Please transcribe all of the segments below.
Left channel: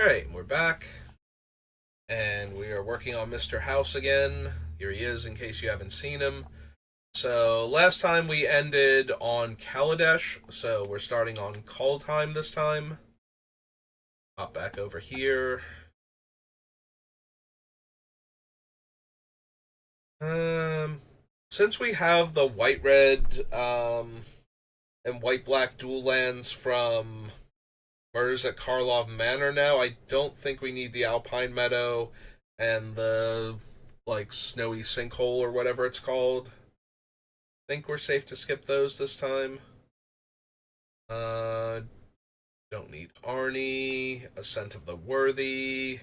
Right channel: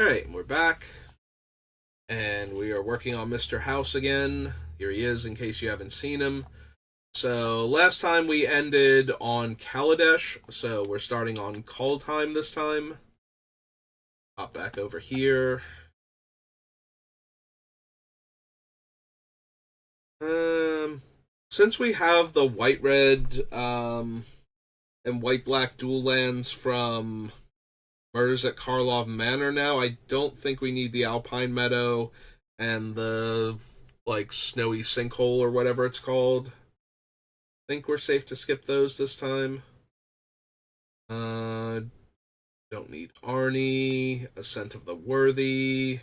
Alright, we're back, and we are working on Mr. House again. Here he is, in case you haven't seen him. So, last time we ended on Kaladesh, so we're starting on Kaldheim this time. Hop back over here. Um, since we have the white-red, and white-black dual lands from Murders at Karlov Manor now, I don't think we need the Alpine Meadow and the snowy sinkhole or whatever it's called. Think we're safe to skip those this time. Uh don't need Arnie, Ascent of the Worthy.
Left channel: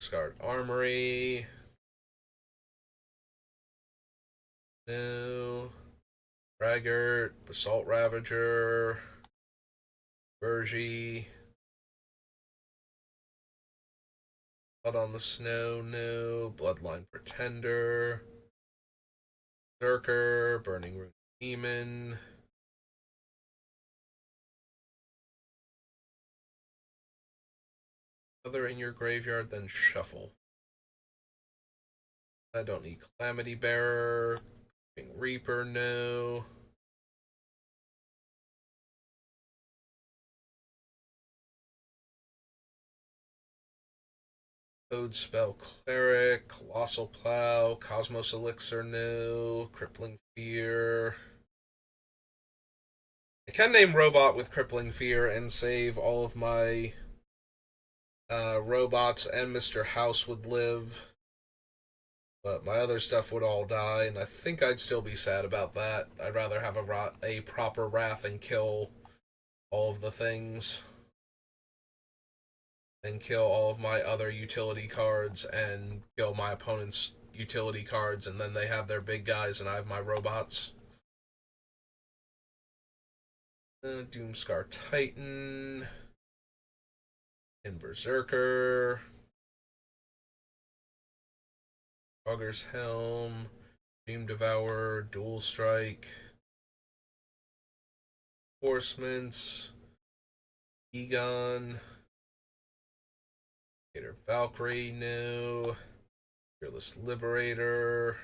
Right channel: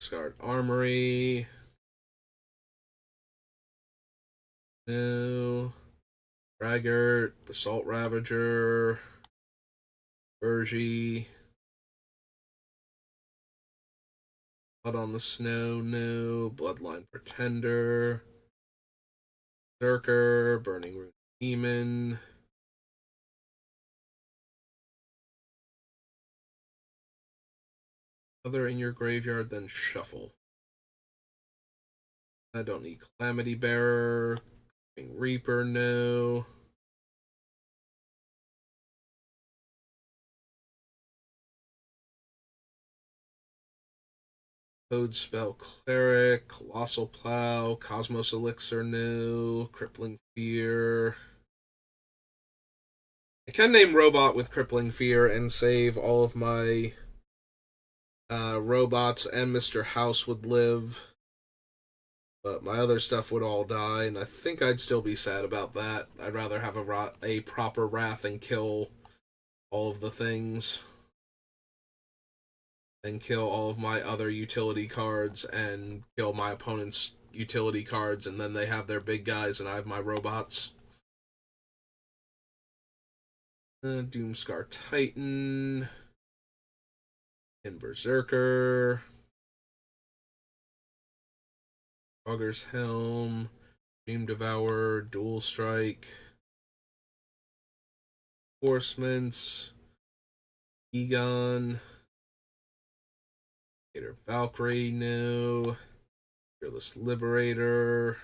Scarred Armory. No. Braggart, Basalt Ravager, Bergie. Blood on the Snow, no. Bloodline Pretender. Zerker, Burning Rune Demon. Other in your graveyard, then shuffle. I don't need Calamity Bearer. Reaper, no. Code Spell Cleric, Colossal Plow, Cosmos Elixir, no. Crippling Fear. I can name Robot with Crippling Fear and save all of my robots, and Mr. House would live. But my other stuff would all die, and I think I'd still be sad about that. I'd rather have a proper Wrath and kill all of the things than kill all of my other utility cards and kill my opponent's utility cards, and then they have their big guys and I have my robots. Doomscar Titan. And Berserker. Augur's Helm. Dream Devourer. Dual Strike. Forcements. Egon. Gator Valkyrie, no. Fearless Liberator.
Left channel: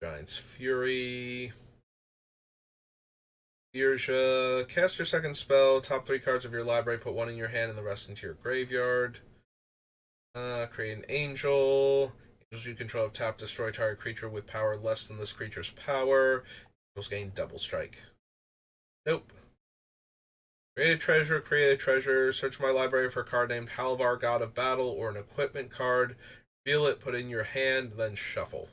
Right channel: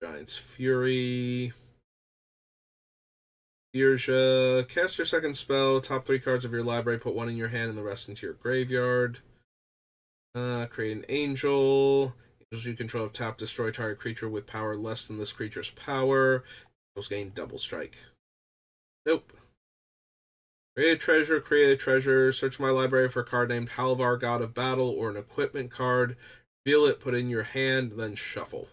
Giant's Fury. Birja. Cast your second spell. Top 3 cards of your library. Put 1 in your hand and the rest into your graveyard. Create an Angel. Angels you control have tap destroy target creature with power less than this creature's power. Angels gain double strike. Nope. Create a treasure, create a treasure. Search my library for a card named Halvar, God of Battle, or an equipment card. Reveal it, put it in your hand, then shuffle.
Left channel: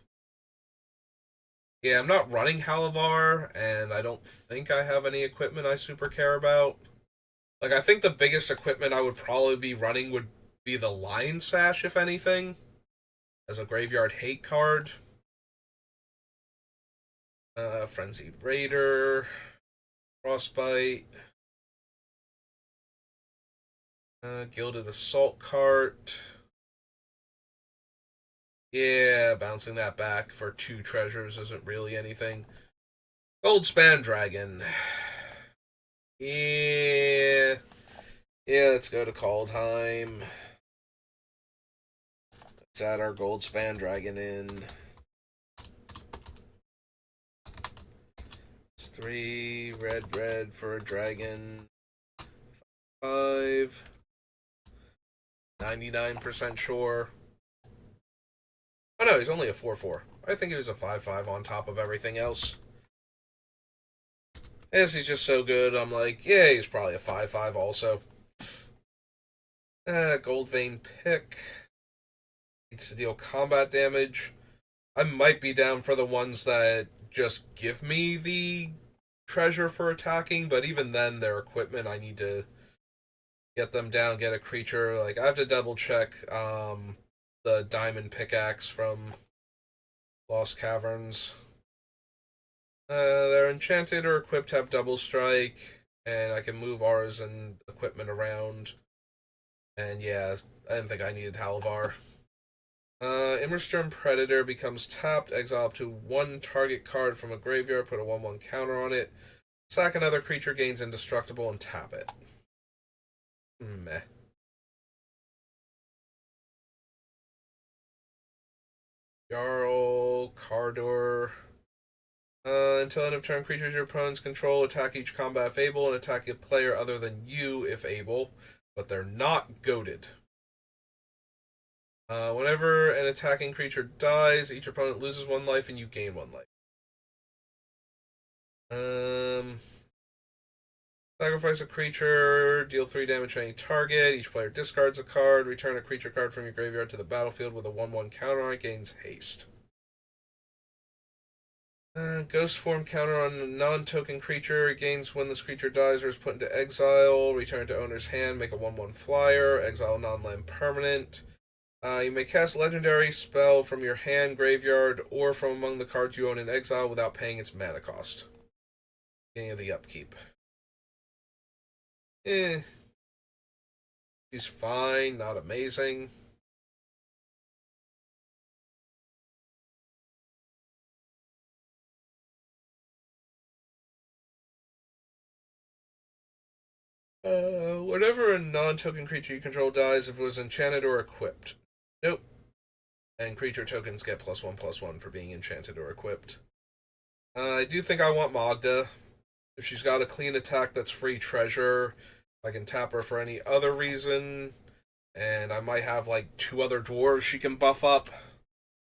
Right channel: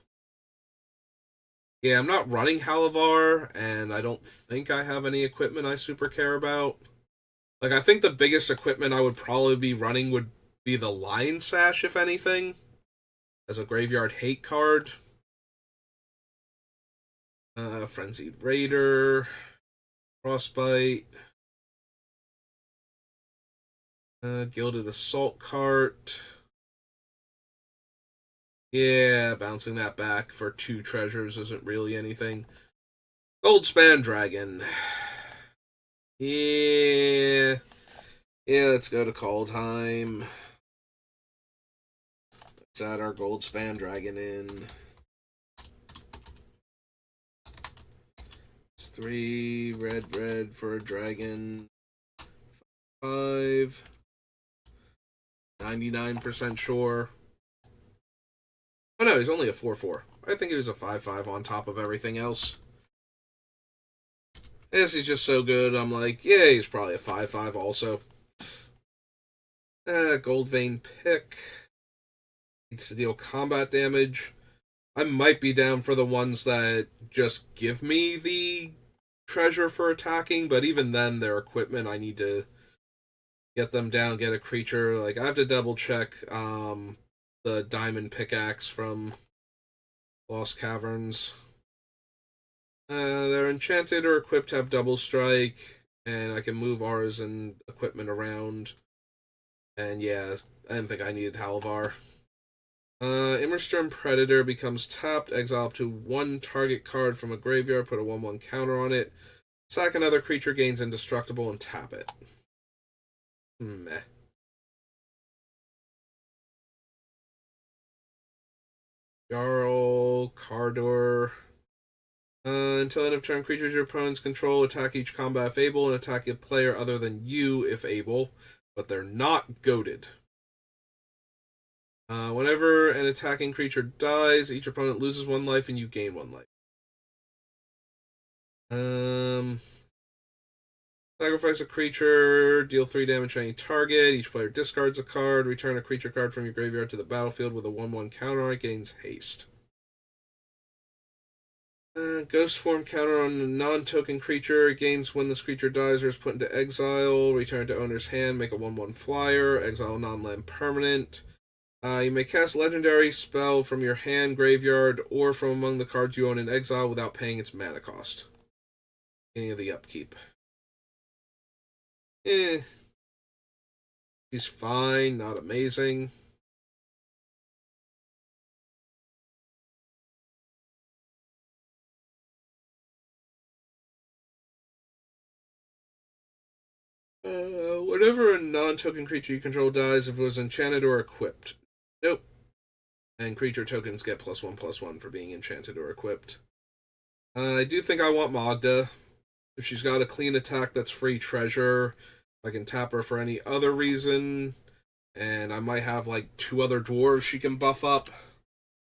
Yeah, I'm not running Halavar, and I don't think I have any equipment I super care about. Like, I think the biggest equipment I would probably be running would be the Lion Sash, if anything, as a graveyard hate card. Frenzied Raider, Frostbite, Gilded Assault Cart. Yeah, bouncing that back for 2 treasures isn't really anything. Goldspan Dragon. Yeah. Yeah, let's go to Kaldheim. Let's add our Goldspan Dragon in. It's 3 red for a dragon. 5. 99% sure. Oh no, he's only a 4/4. I think he was a 5/5 on top of everything else. I guess he's just so good. I'm like, yeah, he's probably a 5/5 also. Gold Vein Pick. Needs to deal combat damage. I might be down for the ones that just give me the treasure for attacking, but even then, their equipment, I need to get them down, get a creature. Like, I have to double check the diamond pickaxe from Lost Caverns. They're enchanted or equipped to have double strike, and I can move ours and equipment around. And yeah, I didn't think I needed Halvar. Immersturm Predator becomes tapped. Exile up to one target card from a graveyard. Put a 1/1 counter on it. Sack another creature, gains indestructible, and tap it. Meh. Jarl, Cardor. Until end of turn, creatures your opponents control attack each combat if able, and attack a player other than you if able, but they're not goaded. Whenever an attacking creature dies, each opponent loses 1 life and you gain 1 life. Sacrifice a creature, deal 3 damage to any target. Each player discards a card. Return a creature card from your graveyard to the battlefield with a 1/1 counter on it. Gains haste. Ghost form counter on a non-token creature. It gains when this creature dies or is put into exile. Return to owner's hand. Make a 1/1 flyer. Exile non-land permanent. You may cast legendary spell from your hand, graveyard, or from among the cards you own in exile without paying its mana cost. Beginning of the upkeep. He's fine, not amazing. Whenever a non-token creature you control dies, if it was enchanted or equipped. Nope. And creature tokens get +1/+1 for being enchanted or equipped. I do think I want Magda. If she's got a clean attack that's free treasure, I can tap her for any other reason. And I might have like 2 other dwarves she can buff up.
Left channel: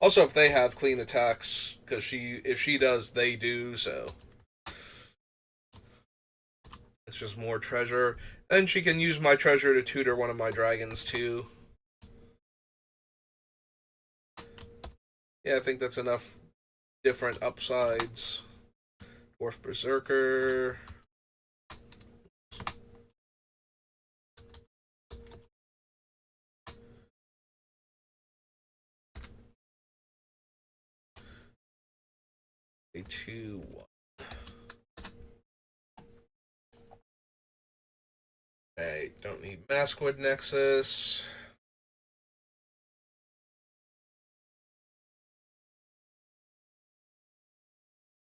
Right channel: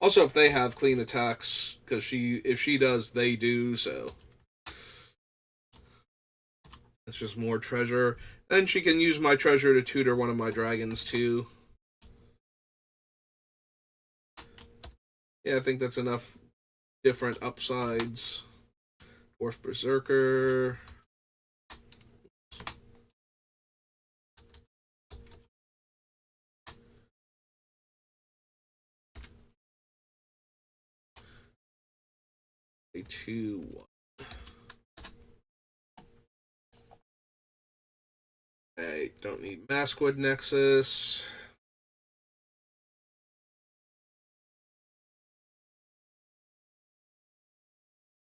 Also, if they have clean attacks, because if she does, they do, so it's just more treasure. And she can use my treasure to tutor one of my dragons too. Yeah, I think that's enough different upsides. Dwarf Berserker. A 2/1. Okay, don't need Maskwood Nexus.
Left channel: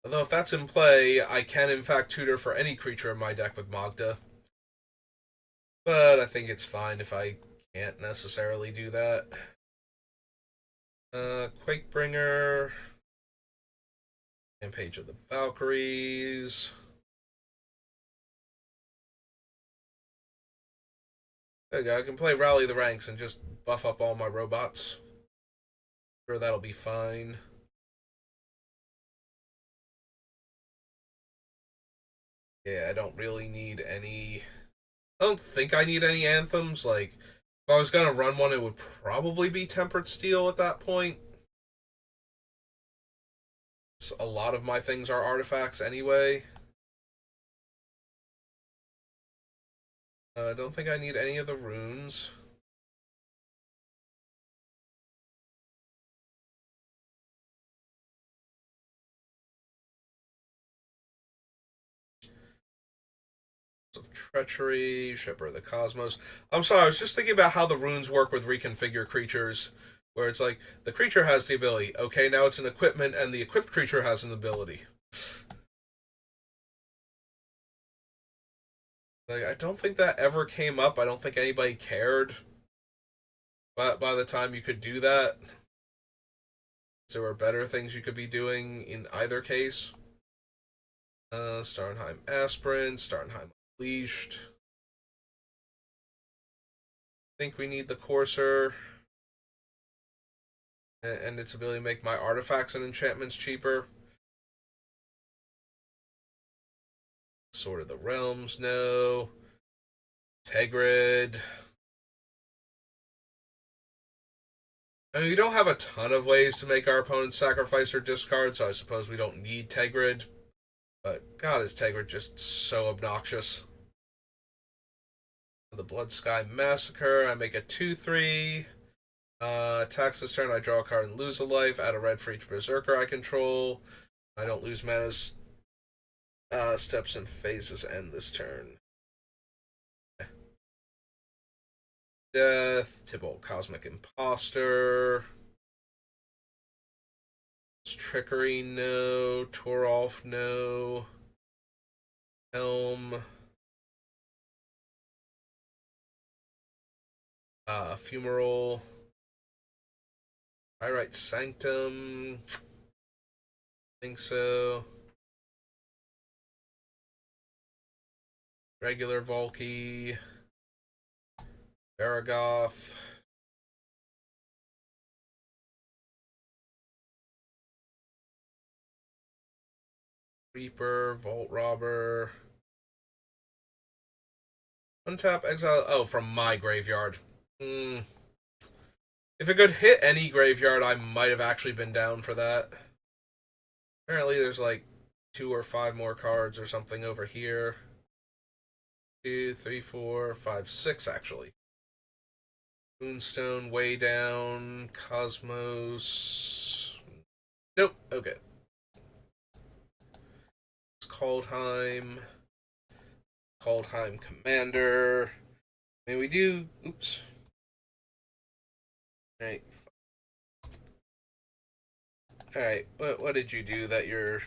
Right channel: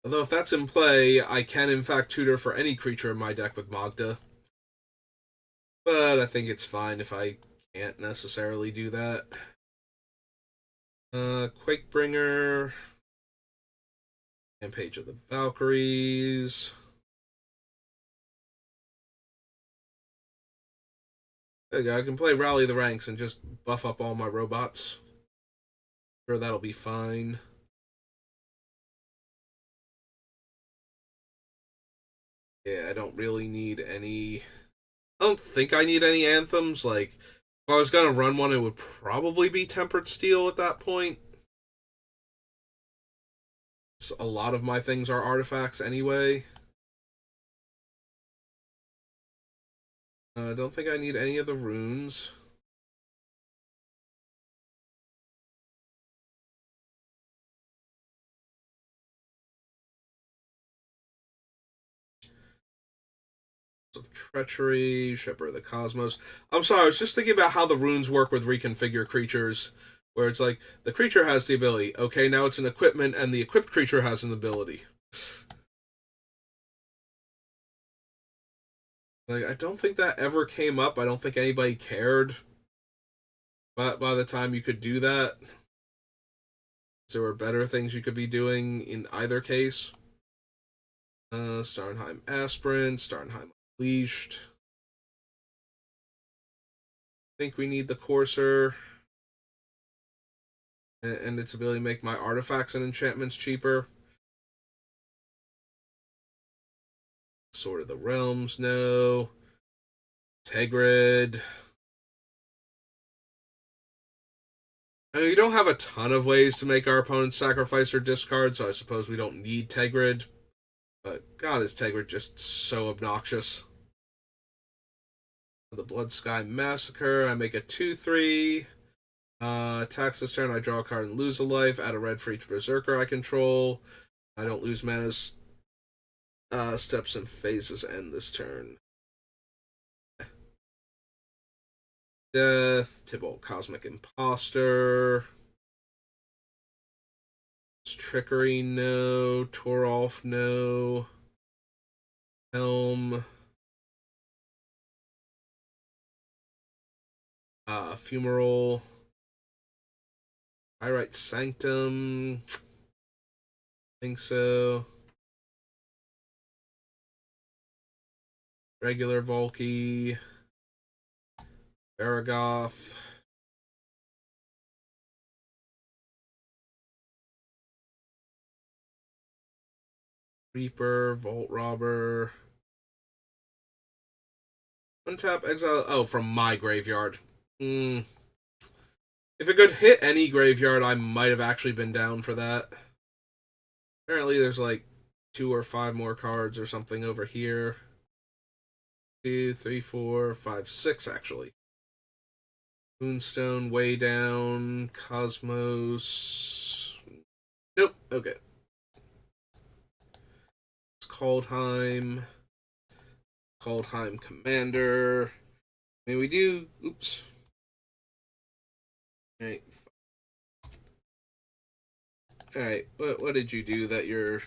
Although if that's in play, I can in fact tutor for any creature in my deck with Magda. But I think it's fine if I can't necessarily do that. Quakebringer. Rampage of the Valkyries. There you go. I can play Rally the Ranks and just buff up all my robots. Sure, that'll be fine. Yeah, I don't really need any. I don't think I need any anthems. Like, if I was gonna run one, it would probably be Tempered Steel at that point. So a lot of my things are artifacts anyway. I don't think I need any of the runes. Of Treachery, Shipper of the Cosmos. I'm sorry, I was just thinking about how the runes work with reconfigure creatures, where it's like the creature has the ability. Okay, now it's an equipment, and the equipped creature has an ability. Like, I don't think that ever came up. I don't think anybody cared. But by the time you could do that, there were better things you could be doing in either case. Starnheim Aspirant, Starnheim Unleashed. I think we need the Courser and its ability to make my artifacts and enchantments cheaper. Sword of the Realms, no. Tegrid. I mean, we don't have a ton of ways to make our opponents sacrifice or discard, so I suppose we don't need Tegrid. But God, is Tegrid just so obnoxious. The Blood Sky Massacre, I make a 2/3. Attacks this turn, I draw a card and lose a life. Add a red for each Berserker I control. I don't lose mana's steps and phases end this turn. Death, Tibalt Cosmic Imposter. Trickery, no. Torolf, no. Helm. Fumarole. Pyrite Sanctum. Think so. Regular Volky. Baragoth. Reaper. Vault Robber. Untap, exile. Oh, from my graveyard. If it could hit any graveyard, I might have actually been down for that. Apparently, there's like 2 or 5 more cards or something over here. 2, 3, 4, 5, 6 actually. Moonstone, Way Down, Cosmos. Nope. Okay. It's Kaldheim. Kaldheim Commander. May we do. Oops. Alright. Alright. What did you do that you're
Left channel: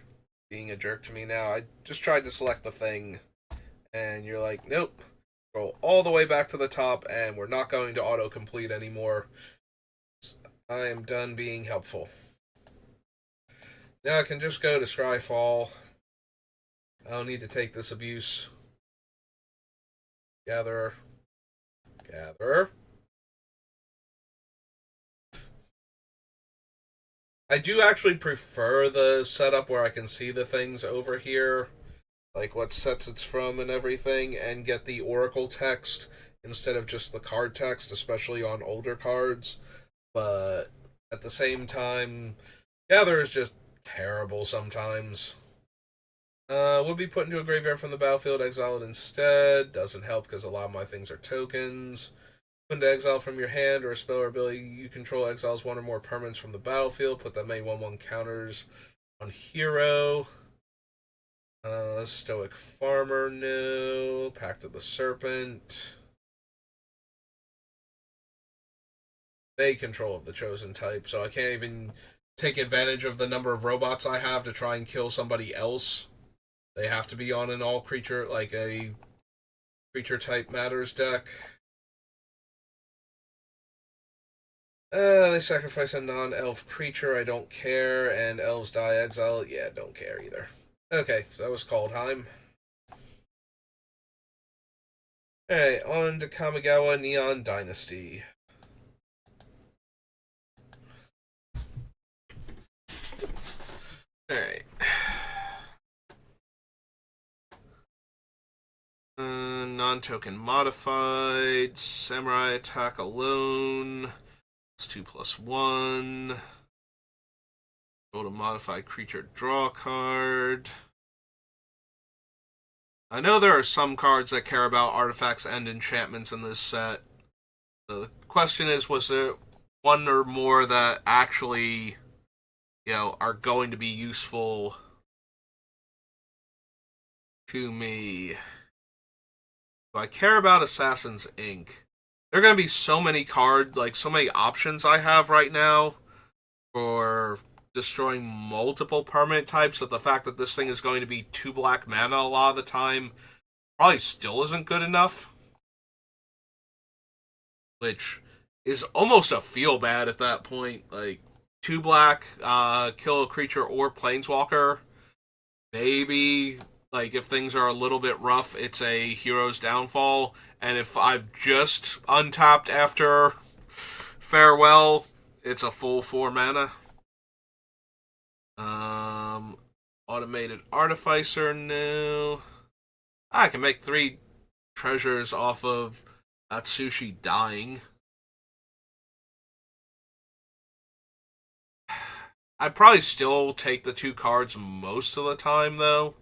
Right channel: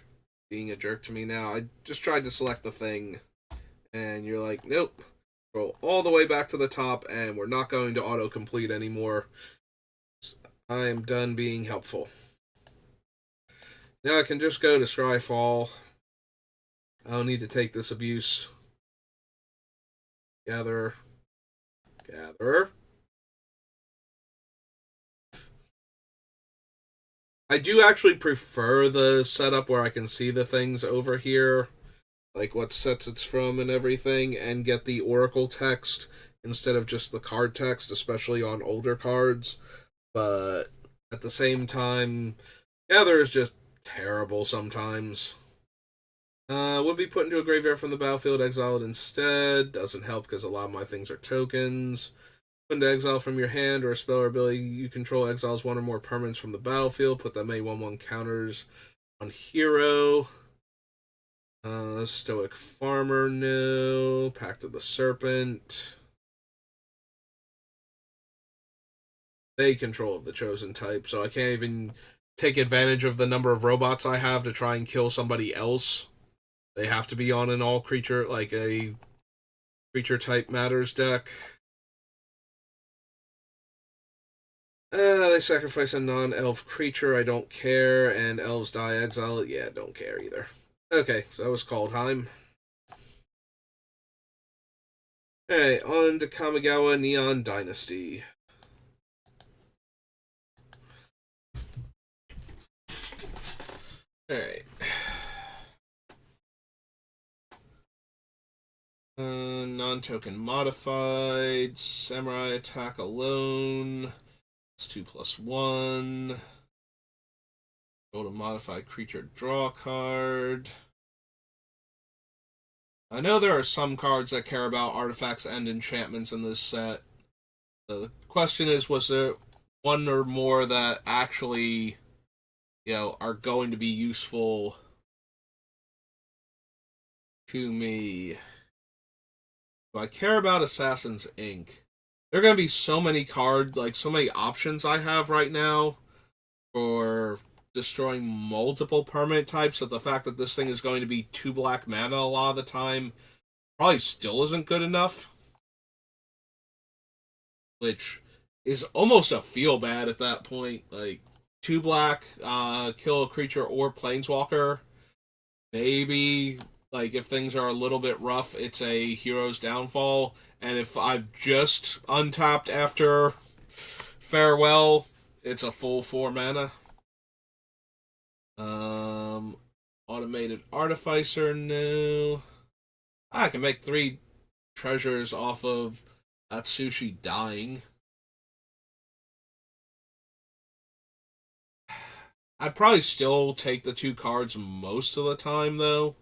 being a jerk to me now? I just tried to select the thing, and you're like, nope. Go all the way back to the top, and we're not going to autocomplete anymore. I am done being helpful. Now I can just go to Scryfall. I don't need to take this abuse. Gather. Gather. I do actually prefer the setup where I can see the things over here, like what sets it's from and everything, and get the Oracle text instead of just the card text, especially on older cards. But at the same time, Gather is just terrible sometimes. Would be put into a graveyard from the battlefield, exiled instead. Doesn't help because a lot of my things are tokens. Put into exile from your hand or a spell or ability you control exiles 1 or more permanents from the battlefield. Put them A/1/1 counters on hero. Stoic Farmer, no. Pact of the Serpent. They control the chosen type, so I can't even take advantage of the number of robots I have to try and kill somebody else. They have to be on an all creature, like a creature type matters deck. They sacrifice a non-elf creature, I don't care, and elves die exile, yeah, don't care either. Okay, so that was Kaldheim. Alright, on to Kamigawa Neon Dynasty. Alright. Non-token modified. Samurai attack alone. It's 2+1. Go to modify creature, draw card. I know there are some cards that care about artifacts and enchantments in this set. The question is, was there one or more that actually, are going to be useful to me? Do I care about Assassin's Ink? There are going to be so many cards, like so many options I have right now for destroying multiple permanent types that the fact that this thing is going to be 2 black mana a lot of the time probably still isn't good enough. Which is almost a feel bad at that point. Like 2 black, kill a creature or planeswalker. Maybe like if things are a little bit rough, it's a hero's downfall. And if I've just untapped after farewell, it's a full 4 mana. Automated Artificer, no. I can make 3 treasures off of Atsushi dying. I'd probably still take the 2 cards most of the time, though.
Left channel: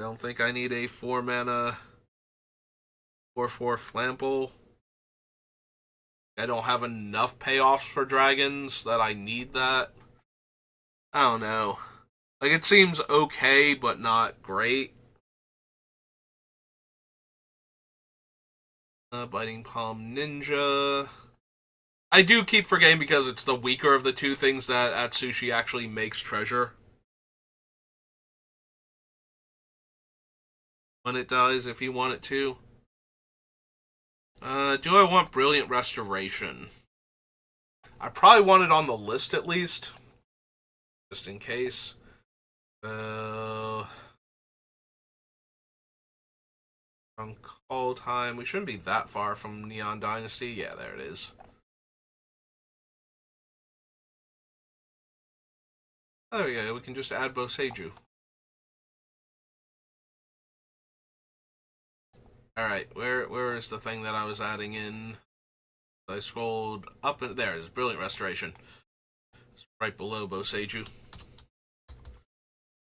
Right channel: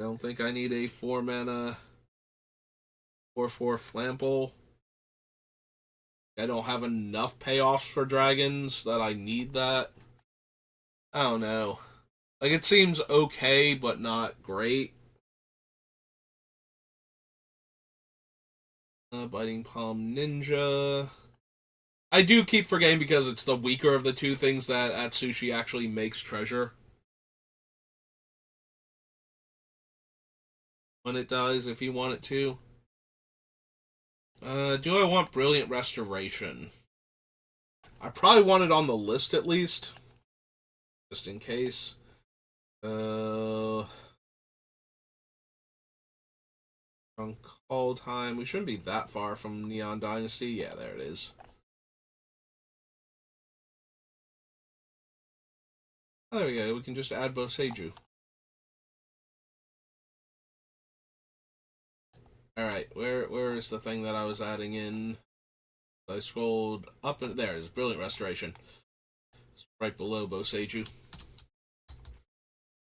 I don't think I need a 4 mana 4/4 Flample. I don't have enough payoffs for dragons that I need that. I don't know. Like, it seems okay, but not great. Biting Palm Ninja. I do keep forgetting because it's the weaker of the two things that Atsushi actually makes treasure. When it dies, if you want it to. Do I want Brilliant Restoration? I probably want it on the list at least. Just in case. On Call Time. We shouldn't be that far from Neon Dynasty. Yeah, there it is. Oh, there we go. We can just add Boseiju. Alright, where is the thing that I was adding in? I scrolled up and there is Brilliant Restoration. It's right below Boseiju.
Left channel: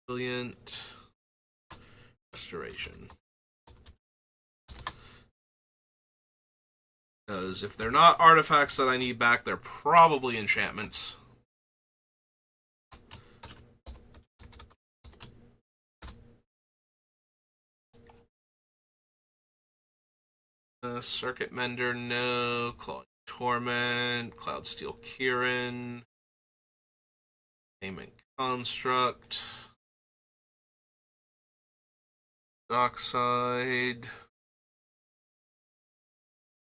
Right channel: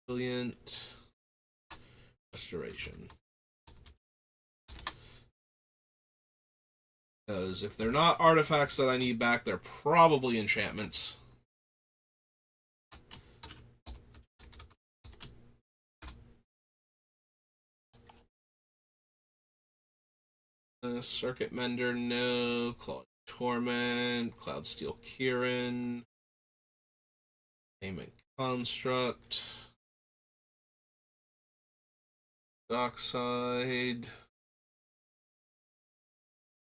Brilliant Restoration. Because if they're not artifacts that I need back, they're probably enchantments. Circuit Mender, no. Claw Torment, Cloudsteel Kirin, Payment Construct, Dockside.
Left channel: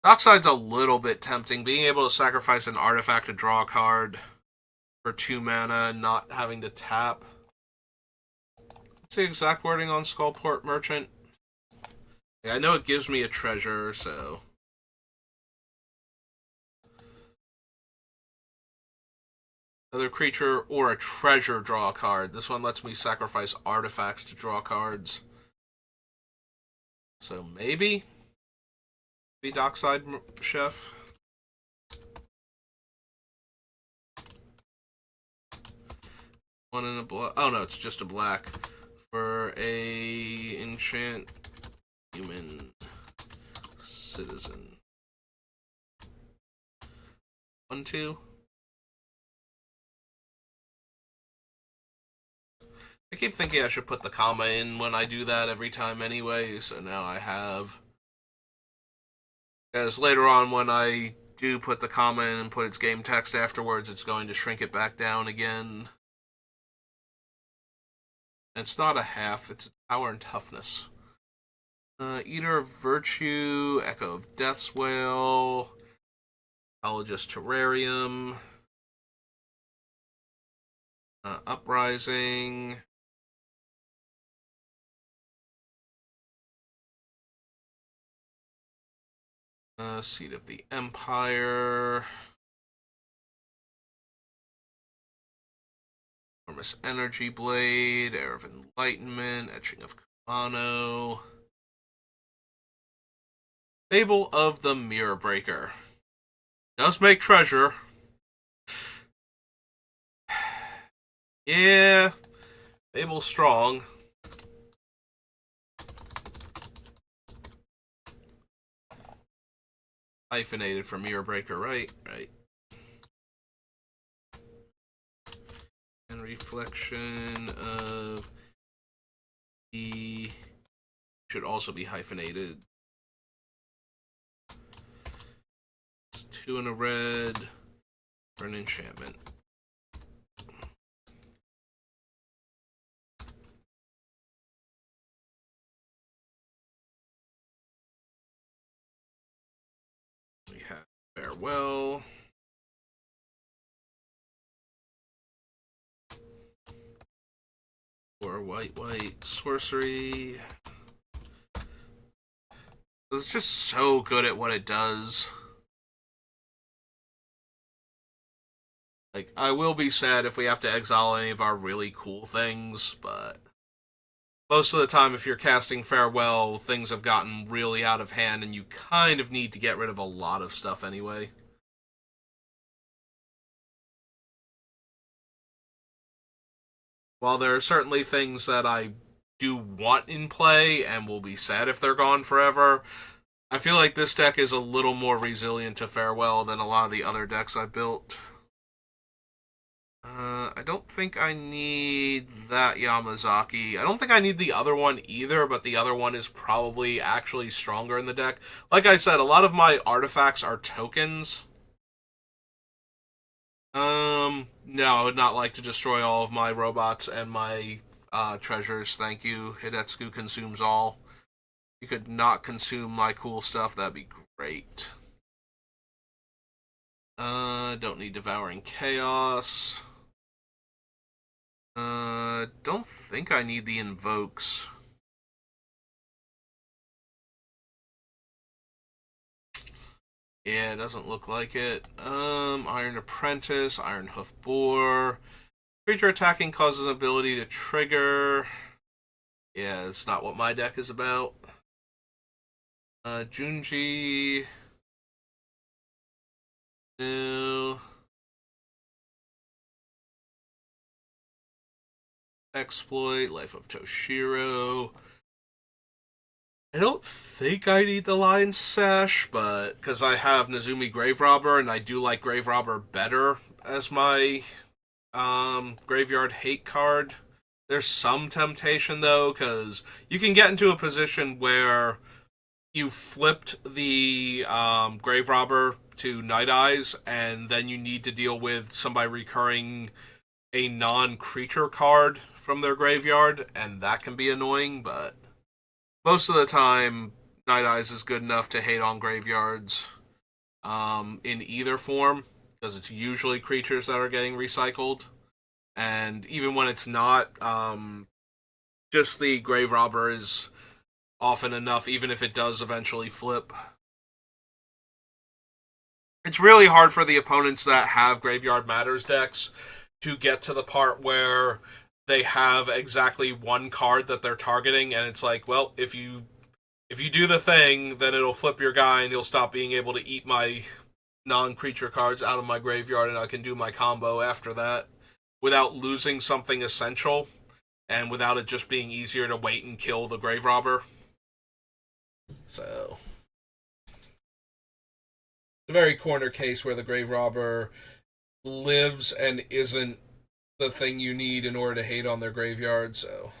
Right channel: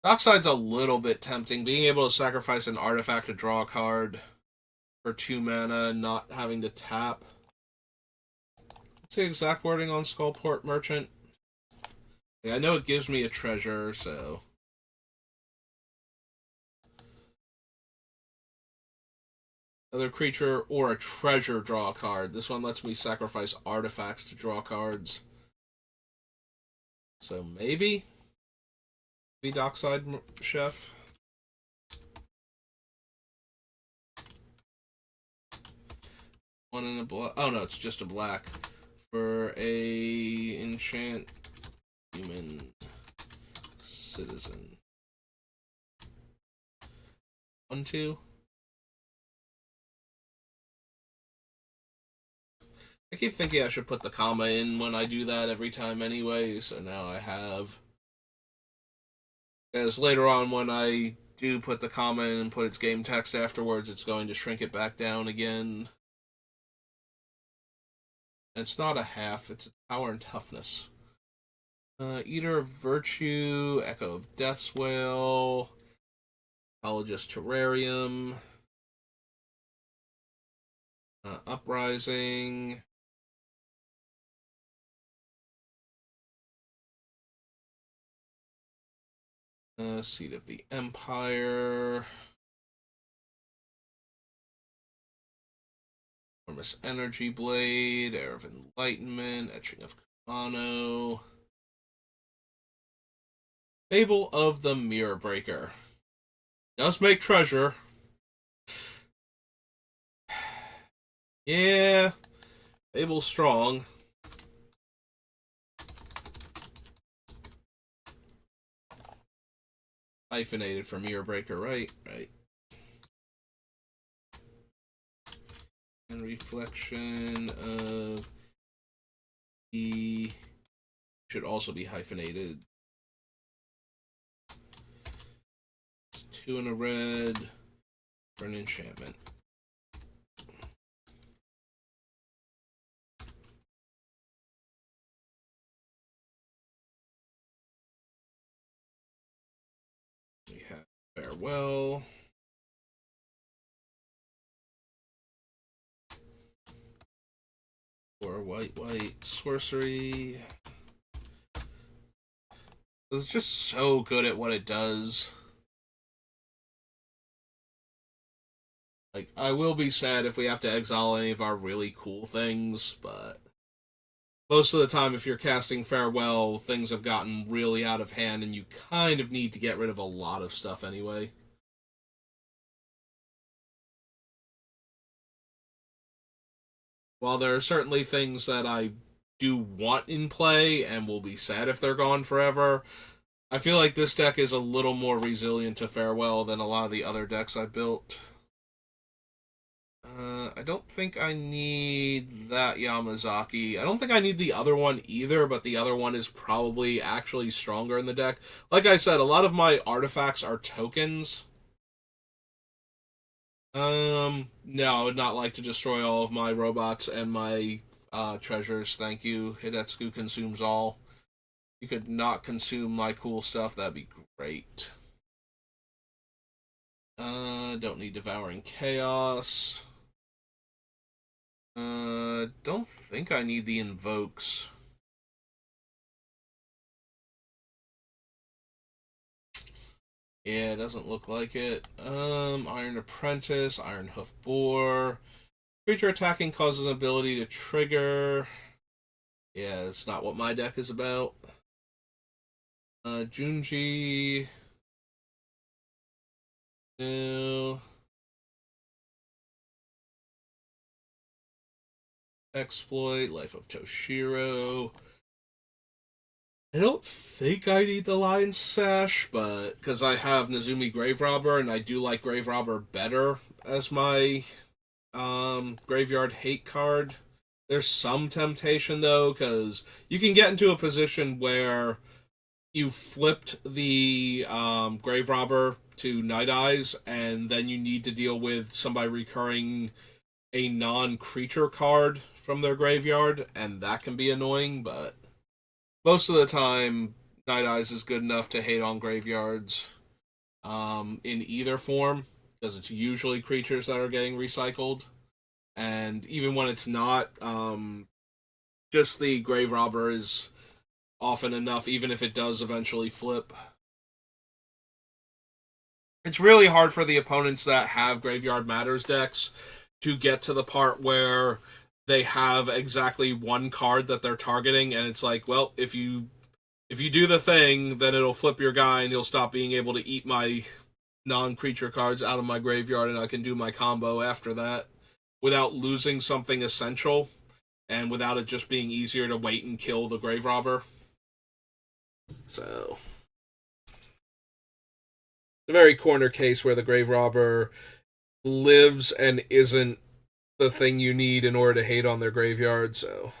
Dockside's a little bit tempting. Being able to sacrifice an artifact to draw a card for 2 mana and not having to tap. What's the exact wording on Skullport Merchant? Yeah, I know it gives me a treasure, so... Another creature or a treasure draw a card. This one lets me sacrifice artifacts to draw cards. So maybe? Be Dockside Chef. One in a black. Oh no, it's just a black. For a enchant human citizen. 1/2. I keep thinking I should put the comma in when I do that every time anyway, so now I have. As later on, when I do put the comma in and put its game text afterwards, it's going to shrink it back down again. And it's not a half, it's a power and toughness. Eater of Virtue, Echo of Death's Wail, Apologist Terrarium, Uprising, Seat of the Empire, Enormous Energy Blade, Air of Enlightenment, Etching of Kumano, Fable of the Mirror Breaker. Does make treasure. Yeah, Fable's strong. Hyphenated for Mirror Breaker, right? Right. And Reflection of the should also be hyphenated. 2 in a red for an enchantment. We have Farewell. Or white sorcery. It's just so good at what it does. Like, I will be sad if we have to exile any of our really cool things, but most of the time, if you're casting Farewell, things have gotten really out of hand, and you kind of need to get rid of a lot of stuff anyway. While there are certainly things that I do want in play and will be sad if they're gone forever, I feel like this deck is a little more resilient to Farewell than a lot of the other decks I've built. I don't think I need that Yamazaki. I don't think I need the other one either, but the other one is probably actually stronger in the deck. Like I said, a lot of my artifacts are tokens. No, I would not like to destroy all of my robots and my treasures. Thank you. Hidetsugu consumes all. You could not consume my cool stuff. That'd be great. Don't need Devouring Chaos. Don't think I need the Invokes. Yeah, it doesn't look like it. Iron Apprentice, Iron Hoof Boar. Creature attacking causes ability to trigger. Yeah, it's not what my deck is about. Junji. No. Exploit, Life of Toshiro. I don't think I need the Lion's Sash, but because I have Nezumi Grave Robber, and I do like Grave Robber better as my graveyard hate card. There's some temptation though, because you can get into a position where you flipped the Grave Robber to Night Eyes, and then you need to deal with somebody recurring a non-creature card from their graveyard, and that can be annoying. But most of the time, Night Eyes is good enough to hate on graveyards in either form, because it's usually creatures that are getting recycled. And even when it's not, just the Grave Robber is often enough, even if it does eventually flip. It's really hard for the opponents that have Graveyard Matters decks to get to the part where they have exactly one card that they're targeting, and it's like, well, if you do the thing, then it'll flip your guy, and you'll stop being able to eat my non-creature cards out of my graveyard, and I can do my combo after that without losing something essential, and without it just being easier to wait and kill the Grave Robber. So, a very corner case where the Grave Robber lives and isn't the thing you need in order to hate on their graveyard. So,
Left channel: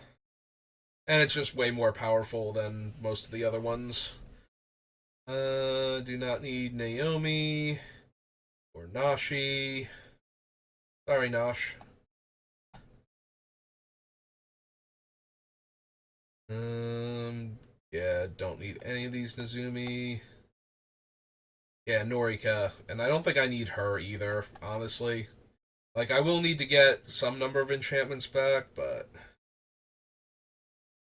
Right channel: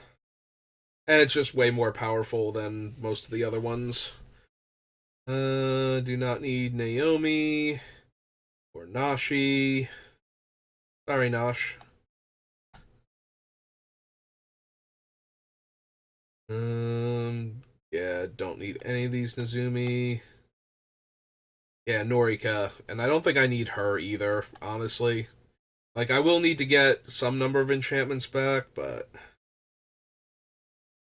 and it's just way more powerful than most of the other ones. Do not need Naomi or Nashi. Sorry, Nosh. Yeah, don't need any of these Nezumi. Yeah, Norika, and I don't think I need her either, honestly. Like, I will need to get some number of enchantments back, but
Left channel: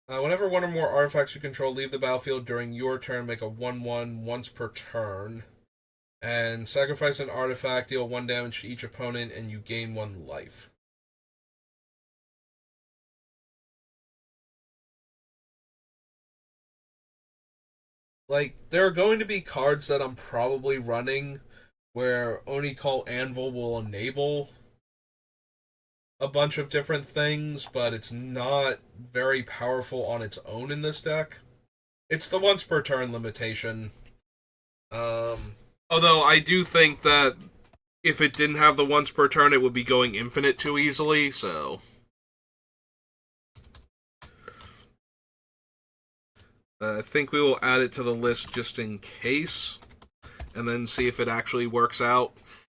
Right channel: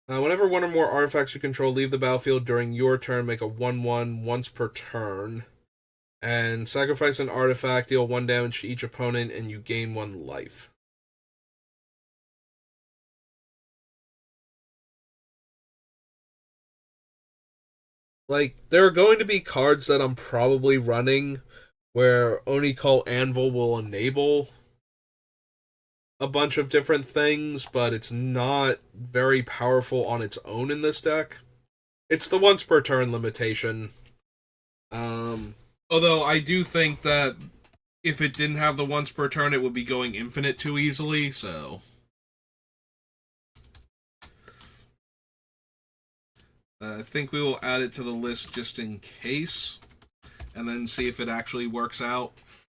whenever one or more artifacts you control leave the battlefield during your turn, make a 1/1 once per turn. And sacrifice an artifact, deal 1 damage to each opponent, and you gain 1 life. Like, there are going to be cards that I'm probably running where Oni Call Anvil will enable a bunch of different things, but it's not very powerful on its own in this deck. It's the once per turn limitation. Um, Although I do think that if it didn't have the once per turn, it would be going infinite too easily. So I think we will add it to the list just in case, and then see if it actually works out.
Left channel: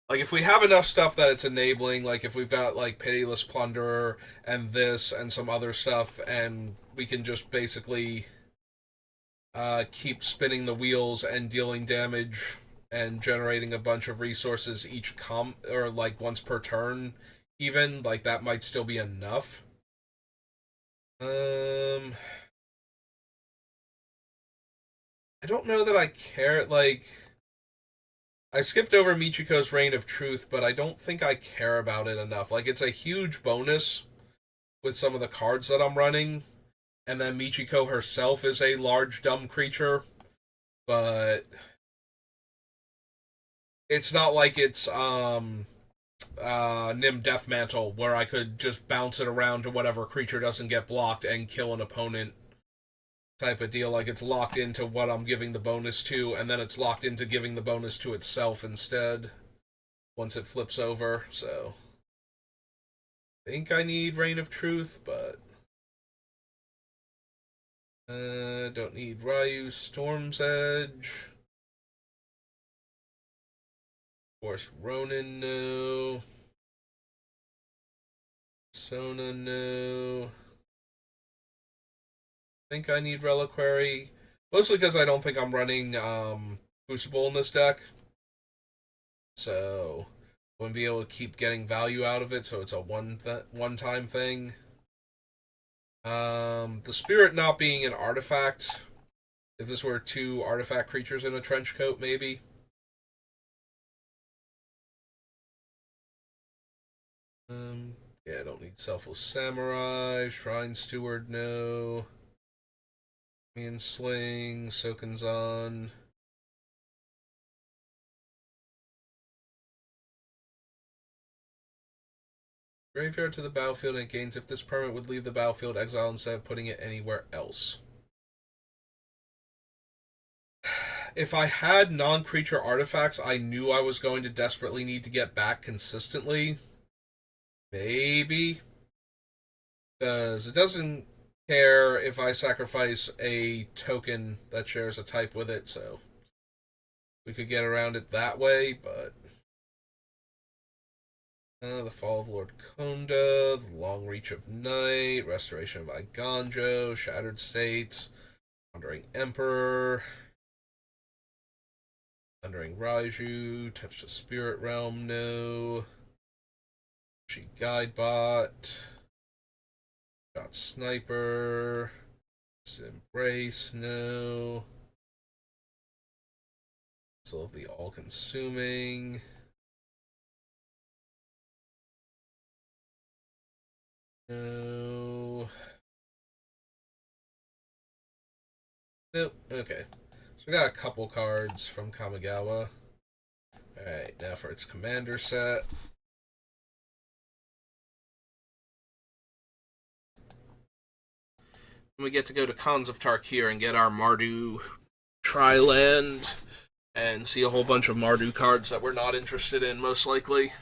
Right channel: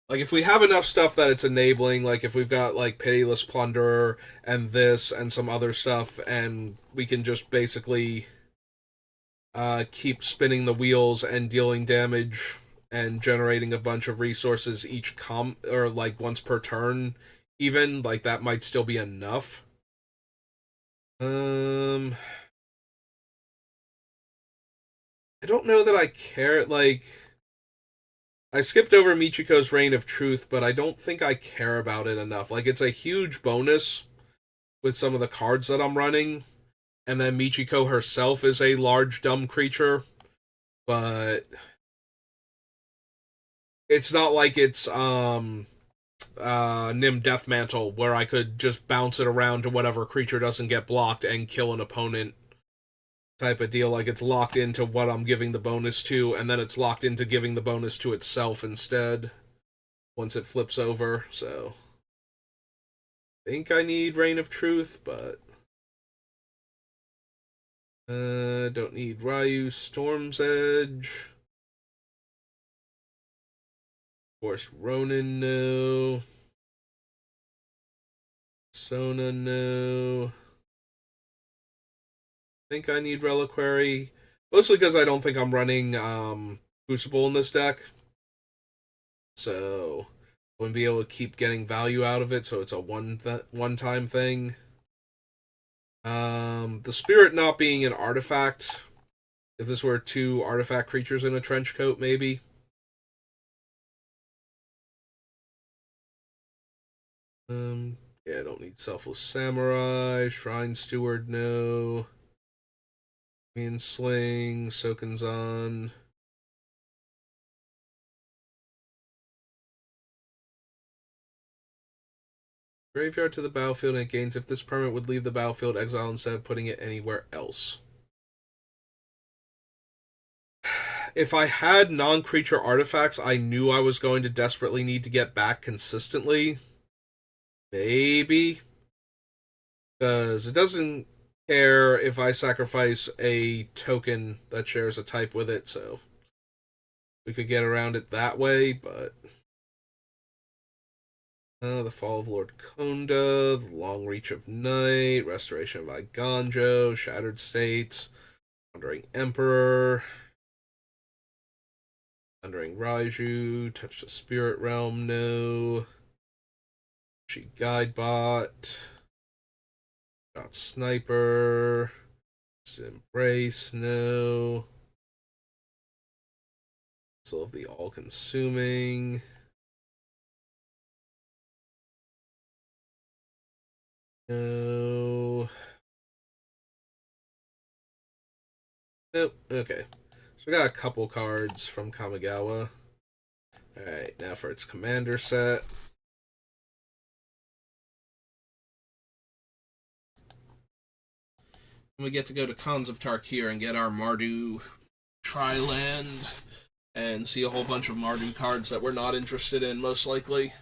Like, if we have enough stuff that it's enabling, like if we've got like Pitiless Plunderer and this and some other stuff, and we can just basically keep spinning the wheels and dealing damage and generating a bunch of resources each or like once per turn, even like that might still be enough. I don't know that I care. Like, I skipped over Michiko's Reign of Truth, but I don't think I care about it enough. Like, it's a huge bonus with some of the cards that I'm running, and then Michiko herself is a large dumb creature, but it's not like it's Nim Deathmantle where I could just bounce it around to whatever creature doesn't get blocked and kill an opponent type of deal. Like, it's locked into what I'm giving the bonus to, and then it's locked into giving the bonus to itself instead once it flips over. So I think I need Reign of Truth, but don't need Ryu. Storm's Edge. Of course, Ronin, no. Persona, no. I think I need Reliquary. Mostly because I don't think I'm running Crucible in this deck. So I wouldn't be able to keep getting value out of it, so it's a one-time thing. The Spirit not being an artifact. If this were 2 artifact creatures in a trench coat, maybe. Yeah, I don't need Selfless Samurai. Shrine Steward, no. Mean Sling, Sokenzan. Graveyard to the battlefield and it gains if this permanent would leave the battlefield, exile instead of putting it anywhere else. If I had non-creature artifacts I knew I was going to desperately need to get back consistently, maybe. Because it doesn't care if I sacrifice a token that shares a type with it, so we could get around it that way, but... the Fall of Lord Konda, the Long Reach of Night, Restoration of Iganjo, Shattered States, Wandering Emperor, Thundering Raiju, Touch the Spirit Realm, no. She Guidebot, Shot Sniper, Embrace, no. Soul of the All-Consuming. No. Nope. Okay. So we got a couple cards from Kamigawa. Alright, now for its commander set. We get to go to Khans of Tarkir and get our Mardu Tri-Land and see a whole bunch of Mardu cards that we're not interested in, most likely.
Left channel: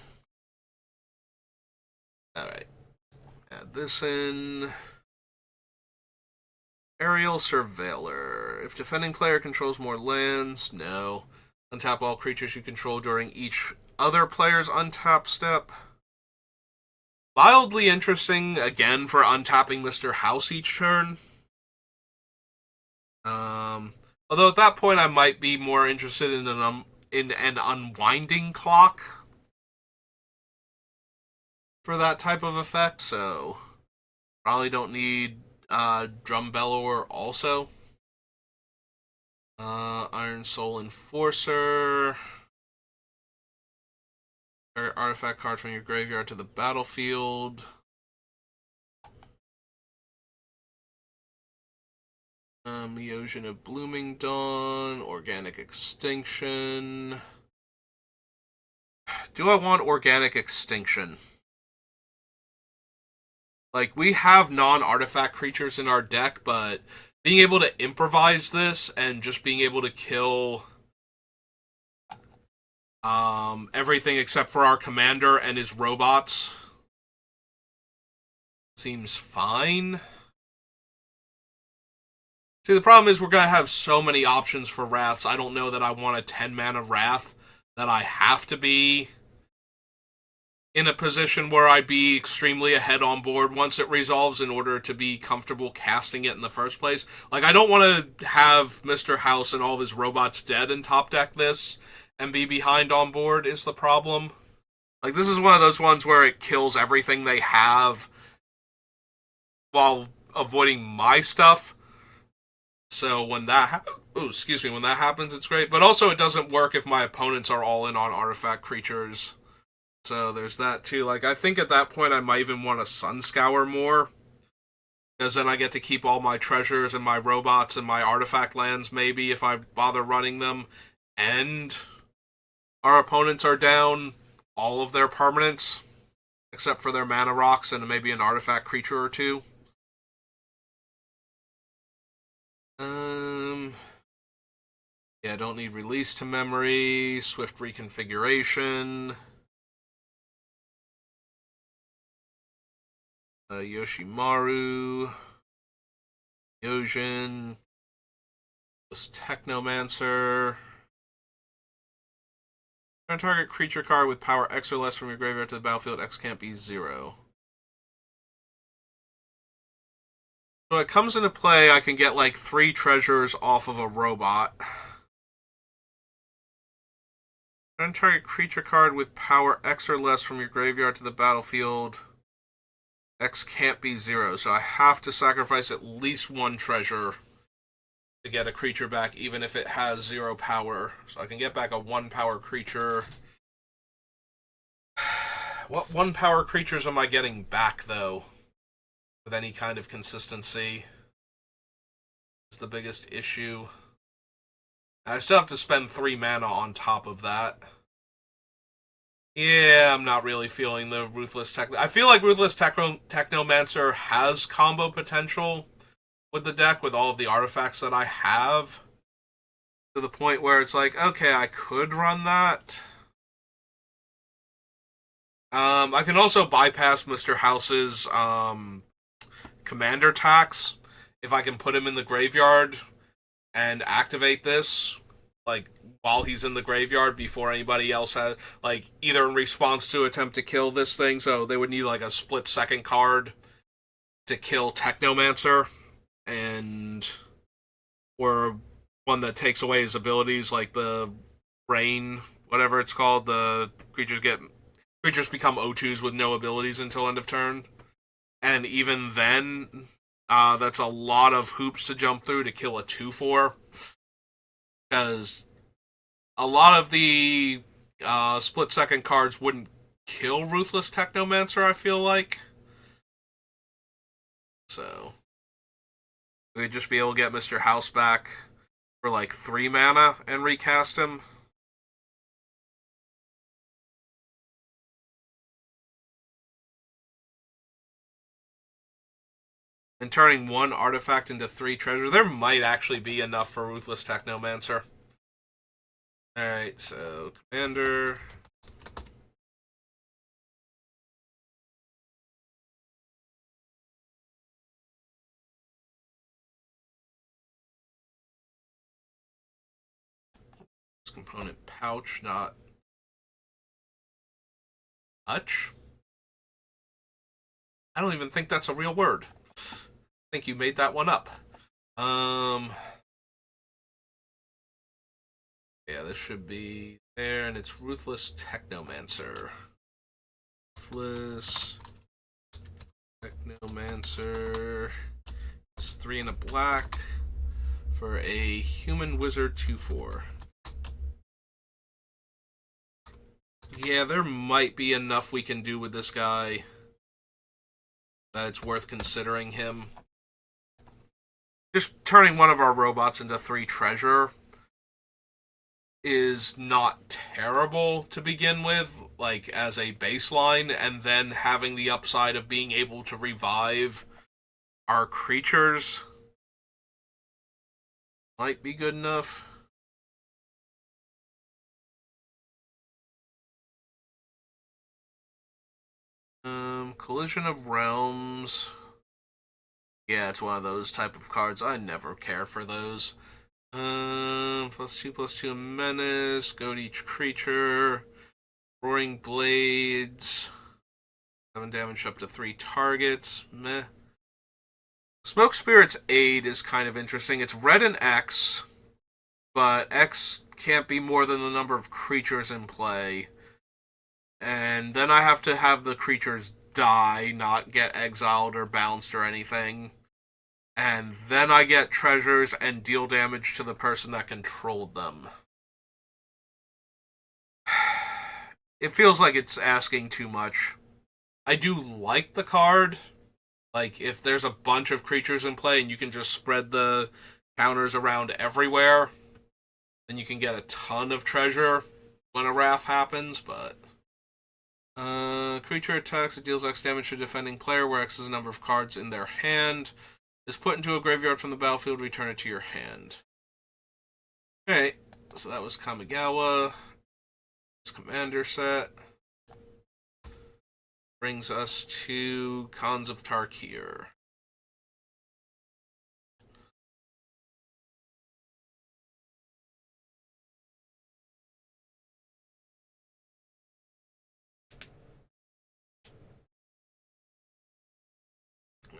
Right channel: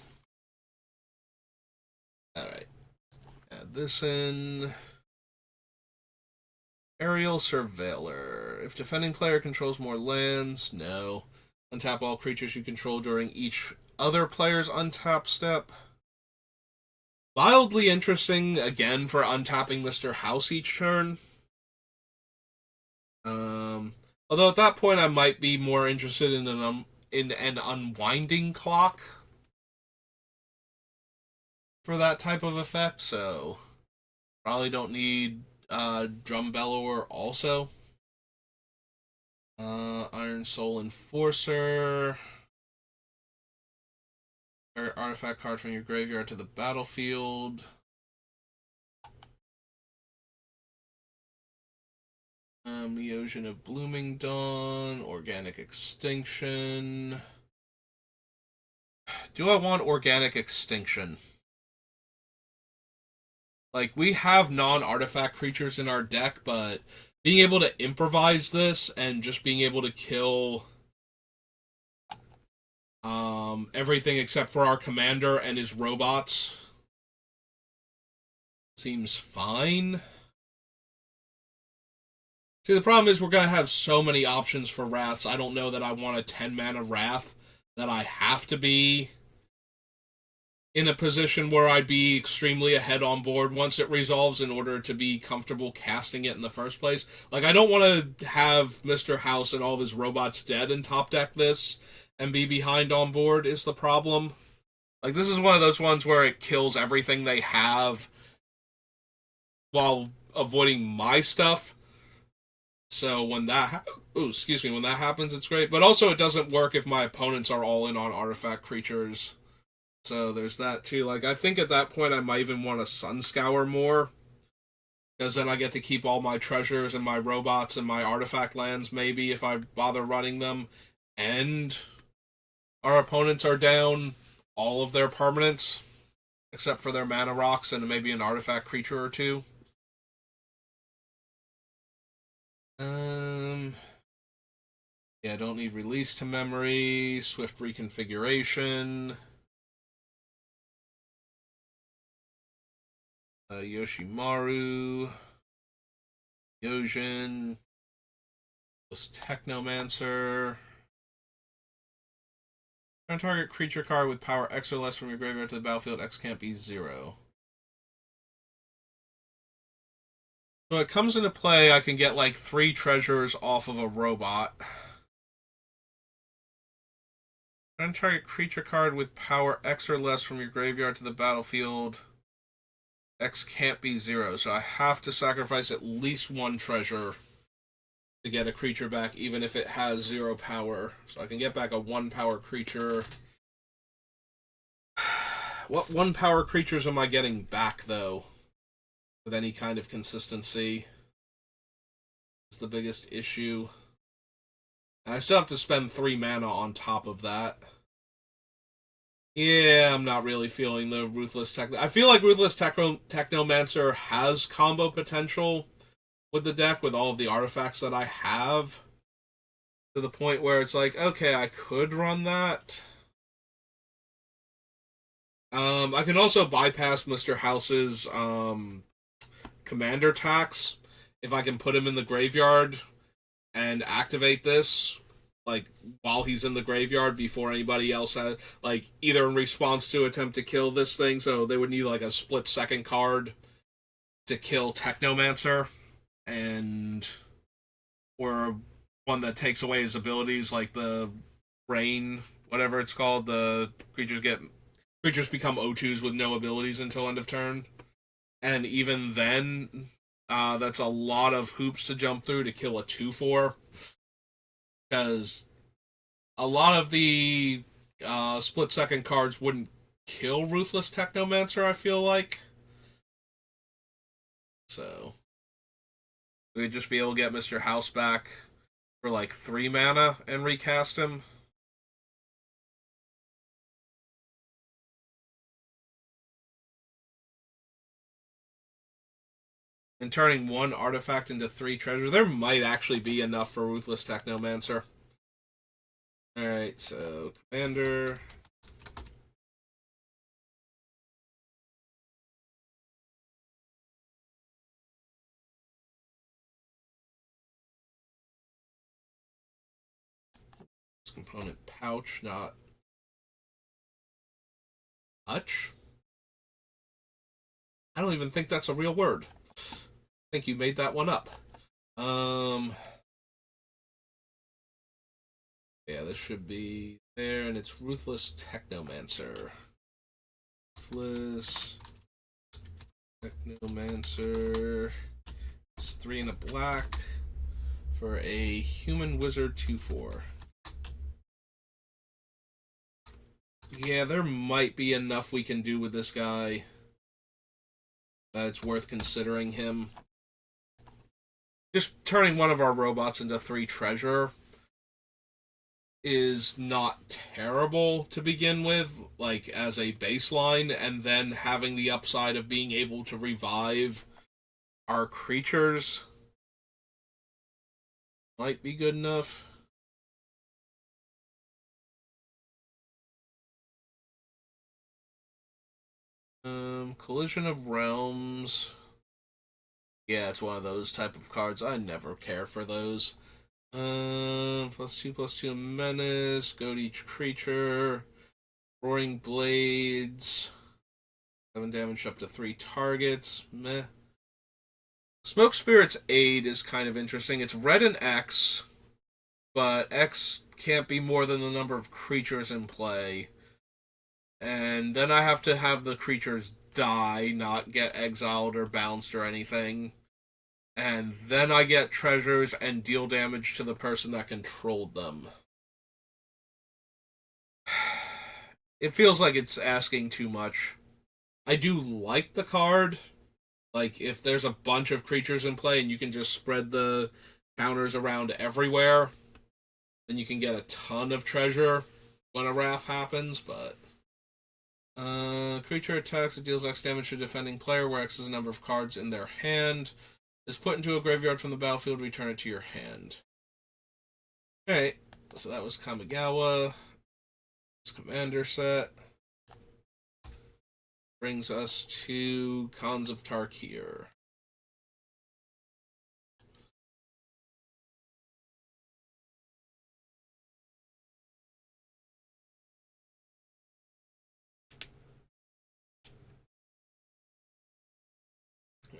Alright. Add this in. Aerial Surveiller. If defending player controls more lands, no. Untap all creatures you control during each other player's untap step. Mildly interesting, again, for untapping Mr. House each turn. Although at that point I might be more interested in an unwinding clock for that type of effect, so probably don't need Drum Bellower also. Iron Soul Enforcer. Artifact card from your graveyard to the battlefield. Eosin of Blooming Dawn. Organic Extinction. Do I want Organic Extinction? Like, we have non-artifact creatures in our deck, but being able to improvise this and just being able to kill everything except for our commander and his robots seems fine. See, the problem is we're going to have so many options for Wraths. I don't know that I want a 10-mana Wrath that I have to be in a position where I'd be extremely ahead on board once it resolves in order to be comfortable casting it in the first place. Like, I don't want to have Mr. House and all of his robots dead and top deck this and be behind on board is the problem. Like, this is one of those ones where it kills everything they have while avoiding my stuff. So when that when that happens, it's great. But also, it doesn't work if my opponents are all in on artifact creatures. So there's that too. Like, I think at that point I might even want to Sunscour more, because then I get to keep all my treasures and my robots and my artifact lands, maybe, if I bother running them. And our opponents are down all of their permanents, except for their mana rocks and maybe an artifact creature or two. Yeah, don't need release to memory, swift reconfiguration. Yoshimaru, Yojin, this Technomancer. Turn target creature card with power X or less from your graveyard to the battlefield. X can't be 0. So it comes into play, I can get like 3 treasures off of a robot. Turn target creature card with power X or less from your graveyard to the battlefield. X can't be 0, so I have to sacrifice at least 1 treasure to get a creature back, even if it has 0 power. So I can get back a 1 power creature. What 1 power creatures am I getting back, though? With any kind of consistency? Is the biggest issue. I still have to spend 3 mana on top of that. Yeah, I'm not really feeling the Ruthless Tech. I feel like Ruthless Technomancer has combo potential with the deck, with all of the artifacts that I have, to the point where it's like, okay, I could run that. I can also bypass Mr. House's commander tax if I can put him in the graveyard and activate this, like, while he's in the graveyard before anybody else has, like, either in response to attempt to kill this thing. So they would need like a split second card to kill Technomancer, and or one that takes away his abilities, like the rain, whatever it's called. The creatures become O2s with no abilities until end of turn, and even then, that's a lot of hoops to jump through to kill a 2/4, because a lot of the split second cards wouldn't kill Ruthless Technomancer, I feel like. So we'd just be able to get Mr. House back for like 3 mana and recast him. And turning 1 artifact into 3 treasure, there might actually be enough for Ruthless Technomancer. Alright, so Commander. Component pouch, not hutch. I don't even think that's a real word. I think you made that one up. Yeah, this should be there, and it's Ruthless Technomancer. Ruthless Technomancer. It's 3 and a black for a human wizard 2/4. Yeah, there might be enough we can do with this guy that it's worth considering him. Just turning one of our robots into 3 treasure is not terrible to begin with, like as a baseline, and then having the upside of being able to revive our creatures might be good enough. Collision of Realms. Yeah, it's one of those type of cards. I never care for those. +2/+2 menace. Go to each creature. Roaring Blades. 7 damage up to 3 targets. Meh. Smoke Spirit's Aid is kind of interesting. It's red and X, but X can't be more than the number of creatures in play. And then I have to have the creatures die, not get exiled or bounced or anything. And then I get treasures and deal damage to the person that controlled them. It feels like it's asking too much. I do like the card. Like, if there's a bunch of creatures in play and you can just spread the counters around everywhere, then you can get a ton of treasure when a wrath happens, but creature attacks, it deals X damage to defending player, where X is the number of cards in their hand. Is put into a graveyard from the battlefield, return it to your hand. Alright, so that was Kamigawa. This commander set. Brings us to Khans of Tarkir.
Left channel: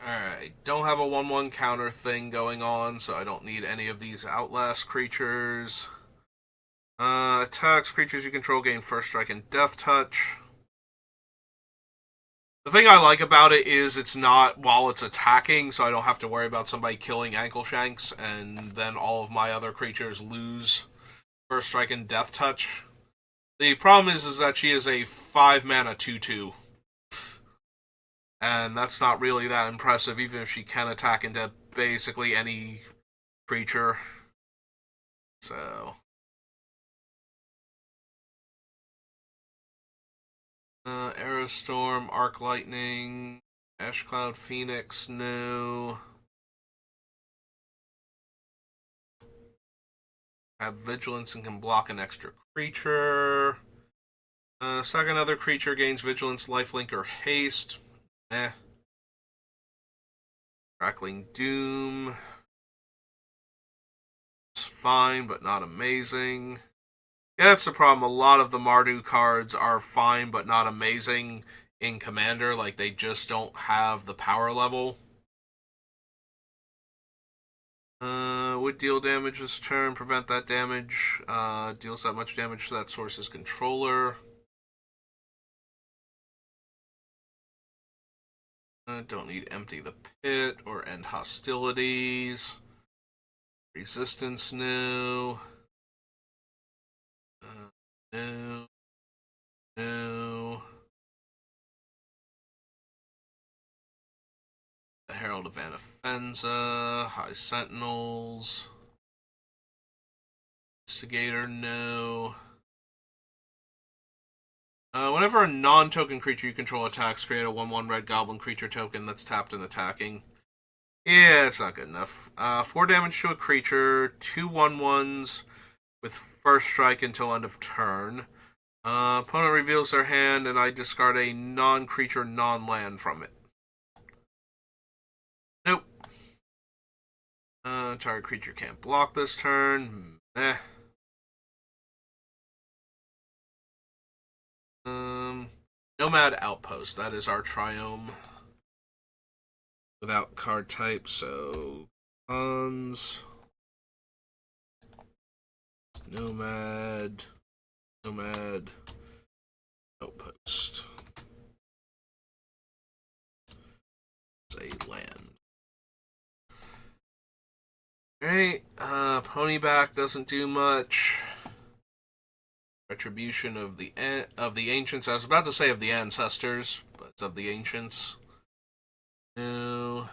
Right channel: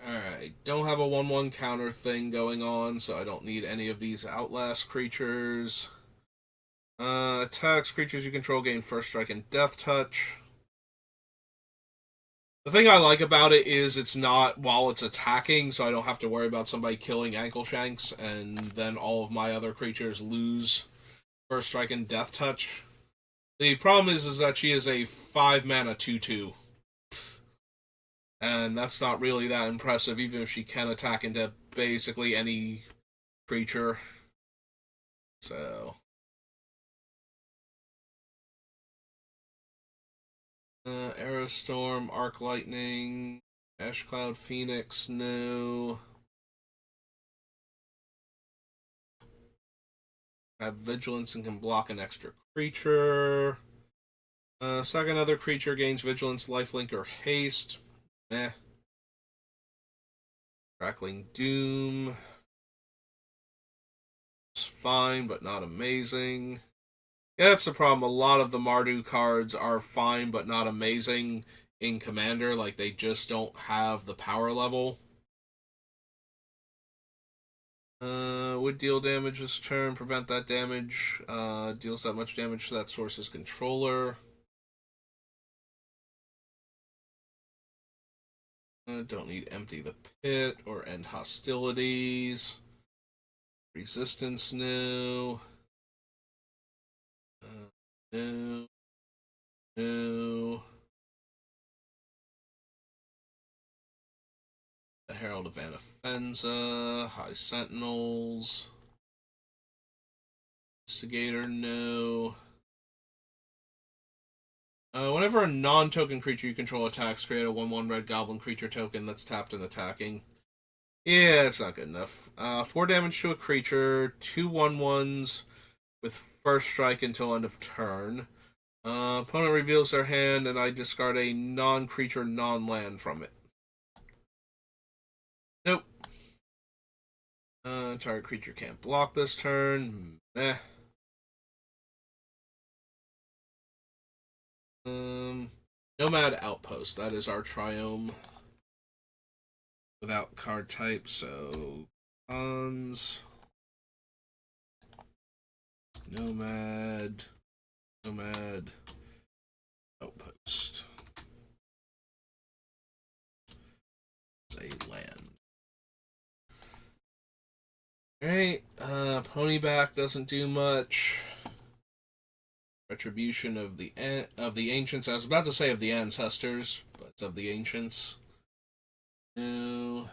Alright. Alright, don't have a 1/1 counter thing going on, so I don't need any of these Outlast creatures. Attacks creatures you control gain first strike and death touch. The thing I like about it is it's not while it's attacking, so I don't have to worry about somebody killing Ankle Shanks, and then all of my other creatures lose first strike and death touch. The problem is that she is a 5 mana 2/2. And that's not really that impressive, even if she can attack into basically any creature. So. Aerostorm, Arc Lightning, Ash Cloud Phoenix, no. Have Vigilance and can block an extra creature. Second other creature gains Vigilance, Lifelink, or Haste. Eh. Crackling Doom. It's fine, but not amazing. Yeah, that's the problem. A lot of the Mardu cards are fine, but not amazing in Commander. Like, they just don't have the power level. Would deal damage this turn, prevent that damage. Deals that much damage to that source's controller. Don't need Empty the Pit or End Hostilities. Resistance, no. No. No. The Herald of Anafenza. High Sentinels. Instigator, no. Whenever a non-token creature you control attacks, create a 1/1 red goblin creature token that's tapped and attacking. Yeah, it's not good enough. 4 damage to a creature, 2 1/1s with first strike until end of turn. Opponent reveals their hand, and I discard a non-creature, non-land from it. Nope. Target creature can't block this turn. Meh. Nomad Outpost. That is our Triome. Without card type, so Hans. Nomad Outpost. It's a land. Alright, Ponyback doesn't do much. Retribution of the Ancients. I was about to say of the Ancestors, but it's of the Ancients. No.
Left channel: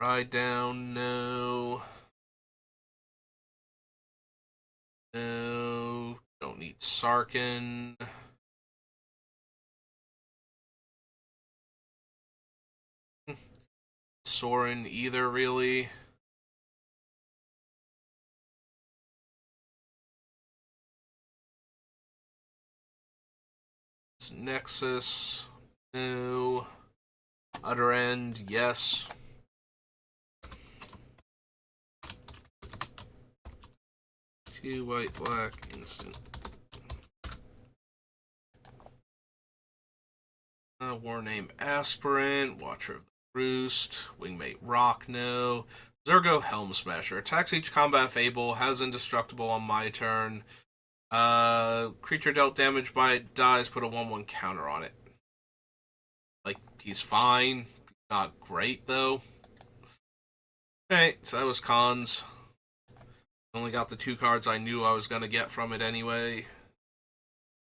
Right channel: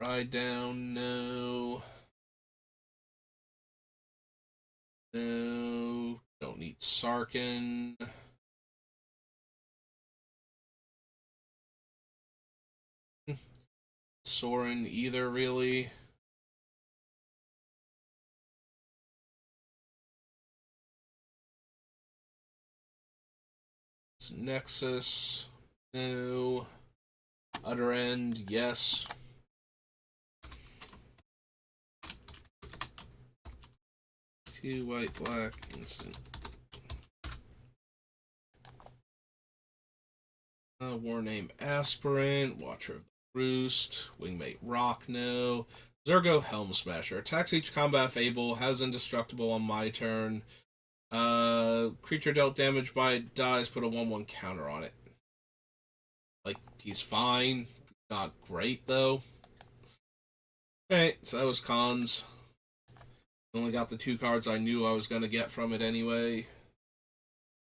Ride down, no. No. Don't need Sarkin. Sorin either, really. It's Nexus. No. Utter End, yes. Two white, black, instant. Warname Aspirant, Watcher of the Roost, Wingmate Rock, no. Zergo Helm Smasher. Attacks each combat Fable, has Indestructible on my turn. Creature dealt damage by it dies, put a 1/1 counter on it. Like, he's fine. Not great, though. Alright, so that was cons. Only got the 2 cards I knew I was going to get from it anyway.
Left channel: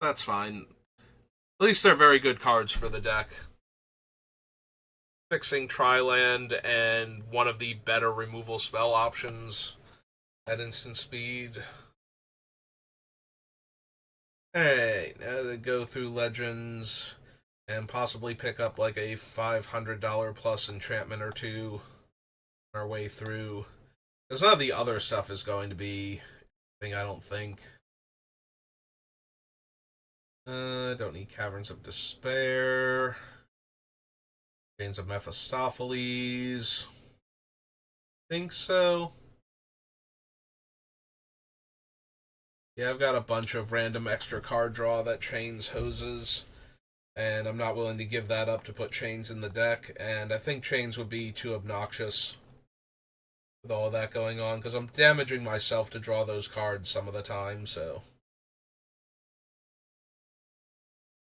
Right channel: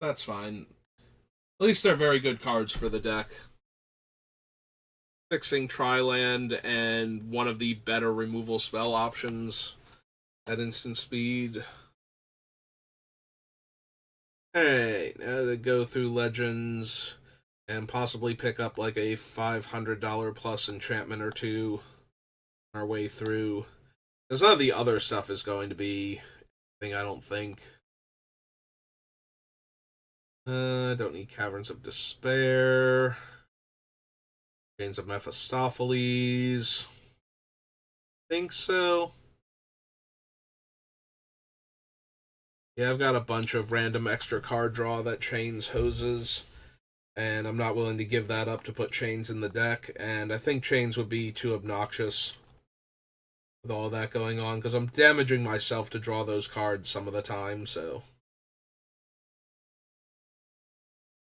That's fine. At least they're very good cards for the deck. Fixing Triland and one of the better removal spell options at instant speed. Alright, now to go through Legends and possibly pick up like a $500 plus enchantment or two on our way through. Because none of the other stuff is going to be anything, I don't think. Don't need Caverns of Despair. Chains of Mephistopheles. Think so. Yeah, I've got a bunch of random extra card draw that chains hoses. and I'm not willing to give that up to put Chains in the deck, and I think Chains would be too obnoxious with all that going on, because I'm damaging myself to draw those cards some of the time, so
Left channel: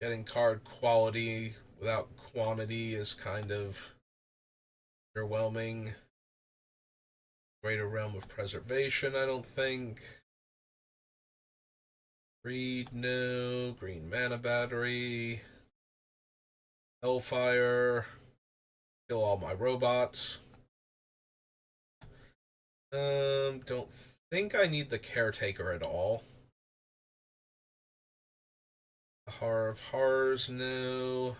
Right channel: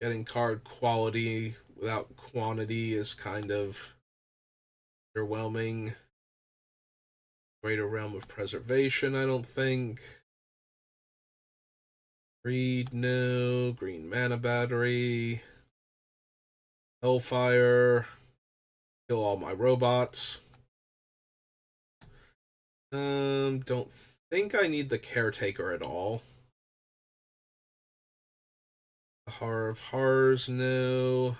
getting card quality without quantity is kind of underwhelming. Greater Realm of Preservation, I don't think. Greed, no. Green Mana Battery. Hellfire. Kill all my robots. Don't think I need the Caretaker at all. The Horror of Horrors, no.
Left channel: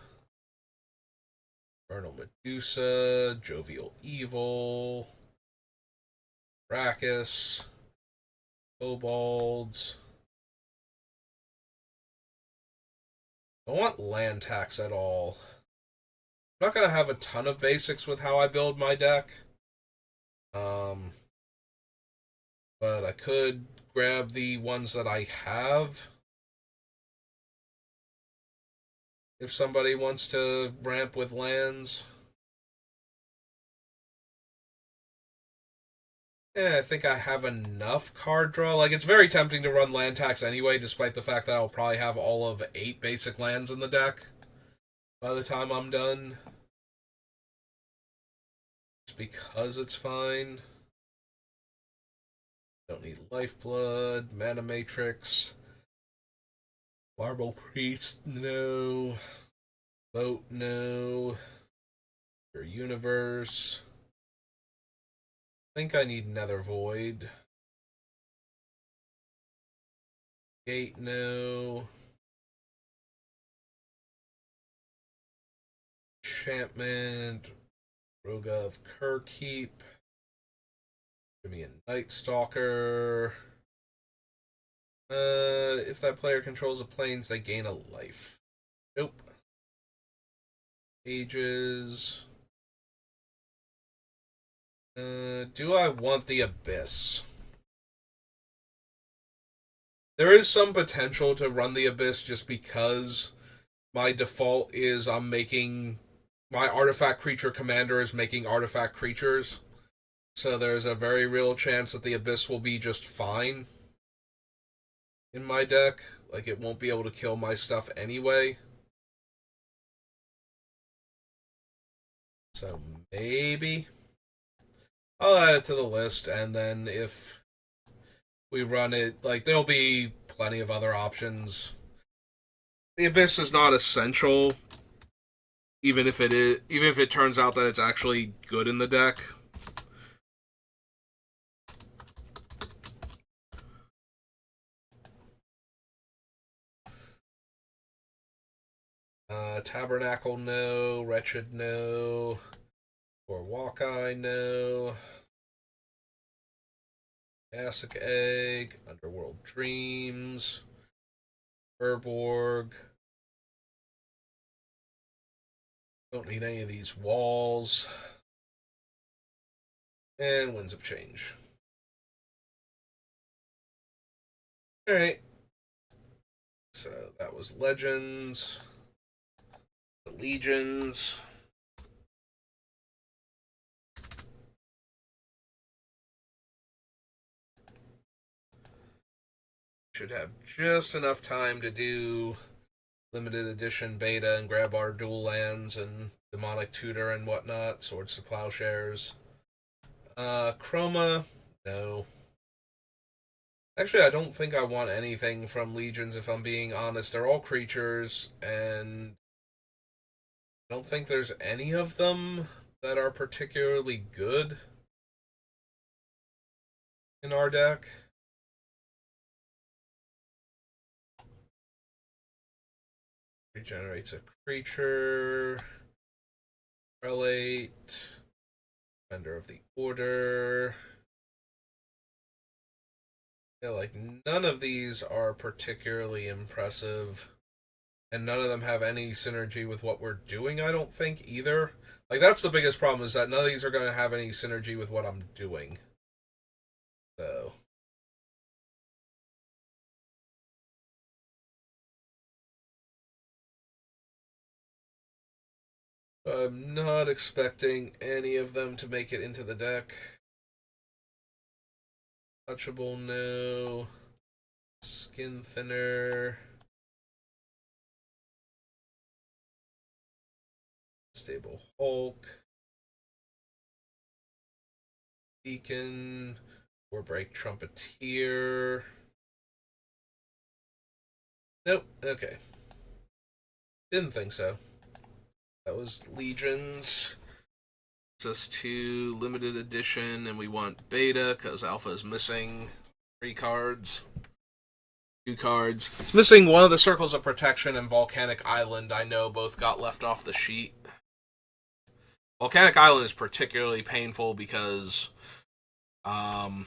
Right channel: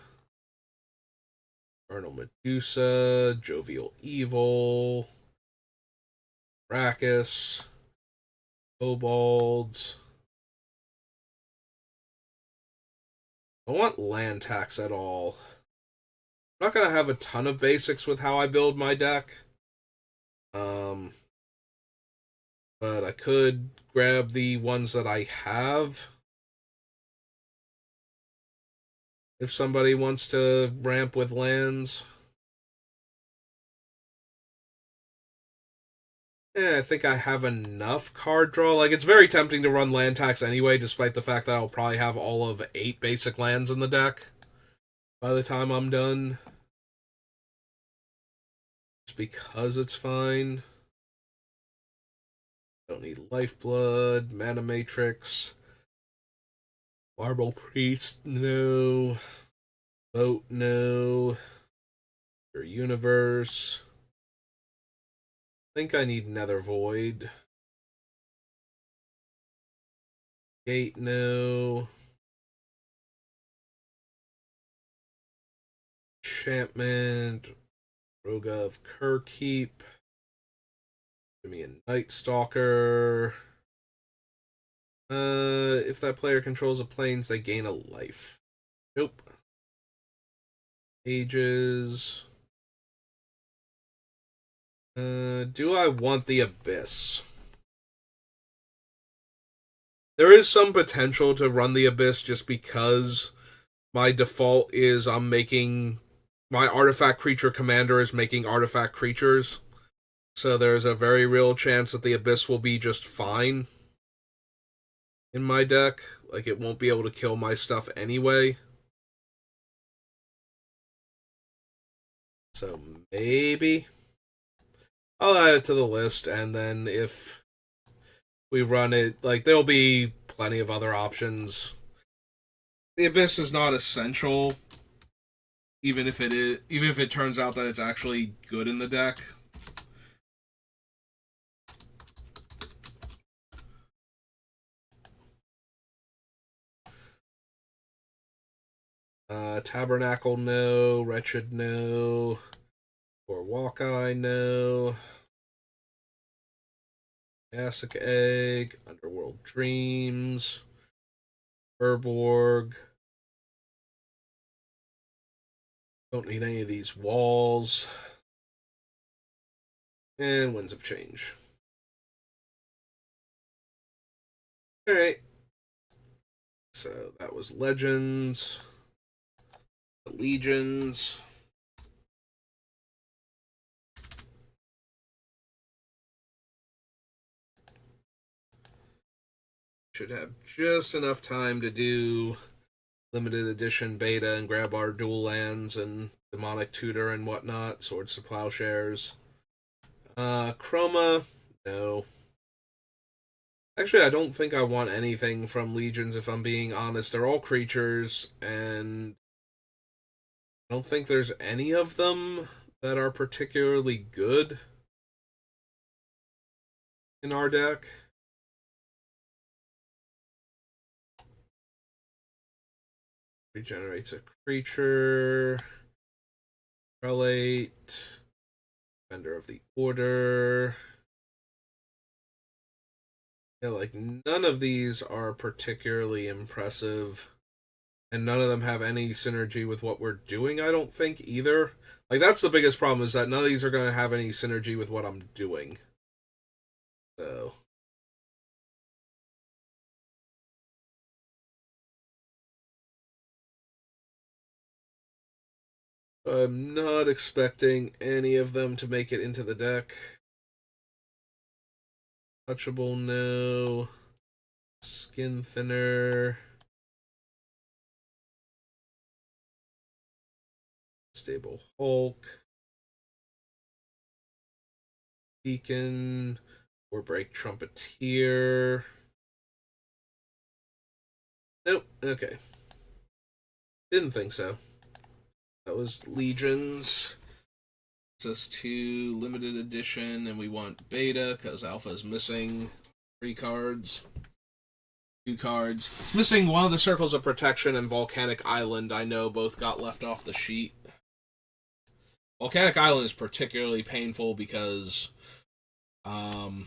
Vernal Medusa. Jovial Evil. Arrakis. Kobolds. I don't want land tax at all. I'm not going to have a ton of basics with how I build my deck. But I could grab the ones that I have. If somebody wants to ramp with lands. I think I have enough card draw. Like, it's very tempting to run land tax anyway, despite the fact that I'll probably have all of 8 basic lands in the deck by the time I'm done. Just because it's fine. Don't need Lifeblood, Mana Matrix, Marble Priest, no. Vote, no. Your Universe. I think I need Nether Void. Gate, no. Enchantment. Roga of Kerkeep. Give me a Night Stalker. If that player controls a plains, they gain a life. Nope. Ages. Do I want the Abyss? There is some potential to run the Abyss just because my default is I'm making my artifact creature commander is making artifact creatures. So there's a very real chance that the Abyss will be just fine in my deck. Like, it won't be able to kill my stuff anyway. So maybe I'll add it to the list, and then if we run it, like, there'll be plenty of other options. The Abyss is not essential, even if it turns out that it's actually good in the deck. Tabernacle, no. Wretched, no. Or Walkeye, no. Acid Egg, Underworld Dreams, Urborg. Don't need any of these walls. And Winds of Change. Alright. So that was Legends. Legions. Should have just enough time to do limited edition beta and grab our dual lands and Demonic Tutor and whatnot, Swords to Plowshares. Chroma, no. Actually, I don't think I want anything from Legions, if I'm being honest. They're all creatures, and I don't think there's any of them that are particularly good in our deck. Regenerates a creature. Prelate. Defender of the Order. Yeah, like, none of these are particularly impressive. And none of them have any synergy with what we're doing, I don't think, either. Like, that's the biggest problem, is that none of these are going to have any synergy with what I'm doing. So... I'm not expecting any of them to make it into the deck. Touchable, no. Skin thinner. Stable Hulk. Deacon. Or break Trumpeteer. Nope. Okay. Didn't think so. That was Legions. Us to limited edition, and we want beta because alpha is missing 3 cards. 2 cards. It's missing one of the Circles of Protection and Volcanic Island. I know both got left off the sheet. Volcanic Island is particularly painful because I'm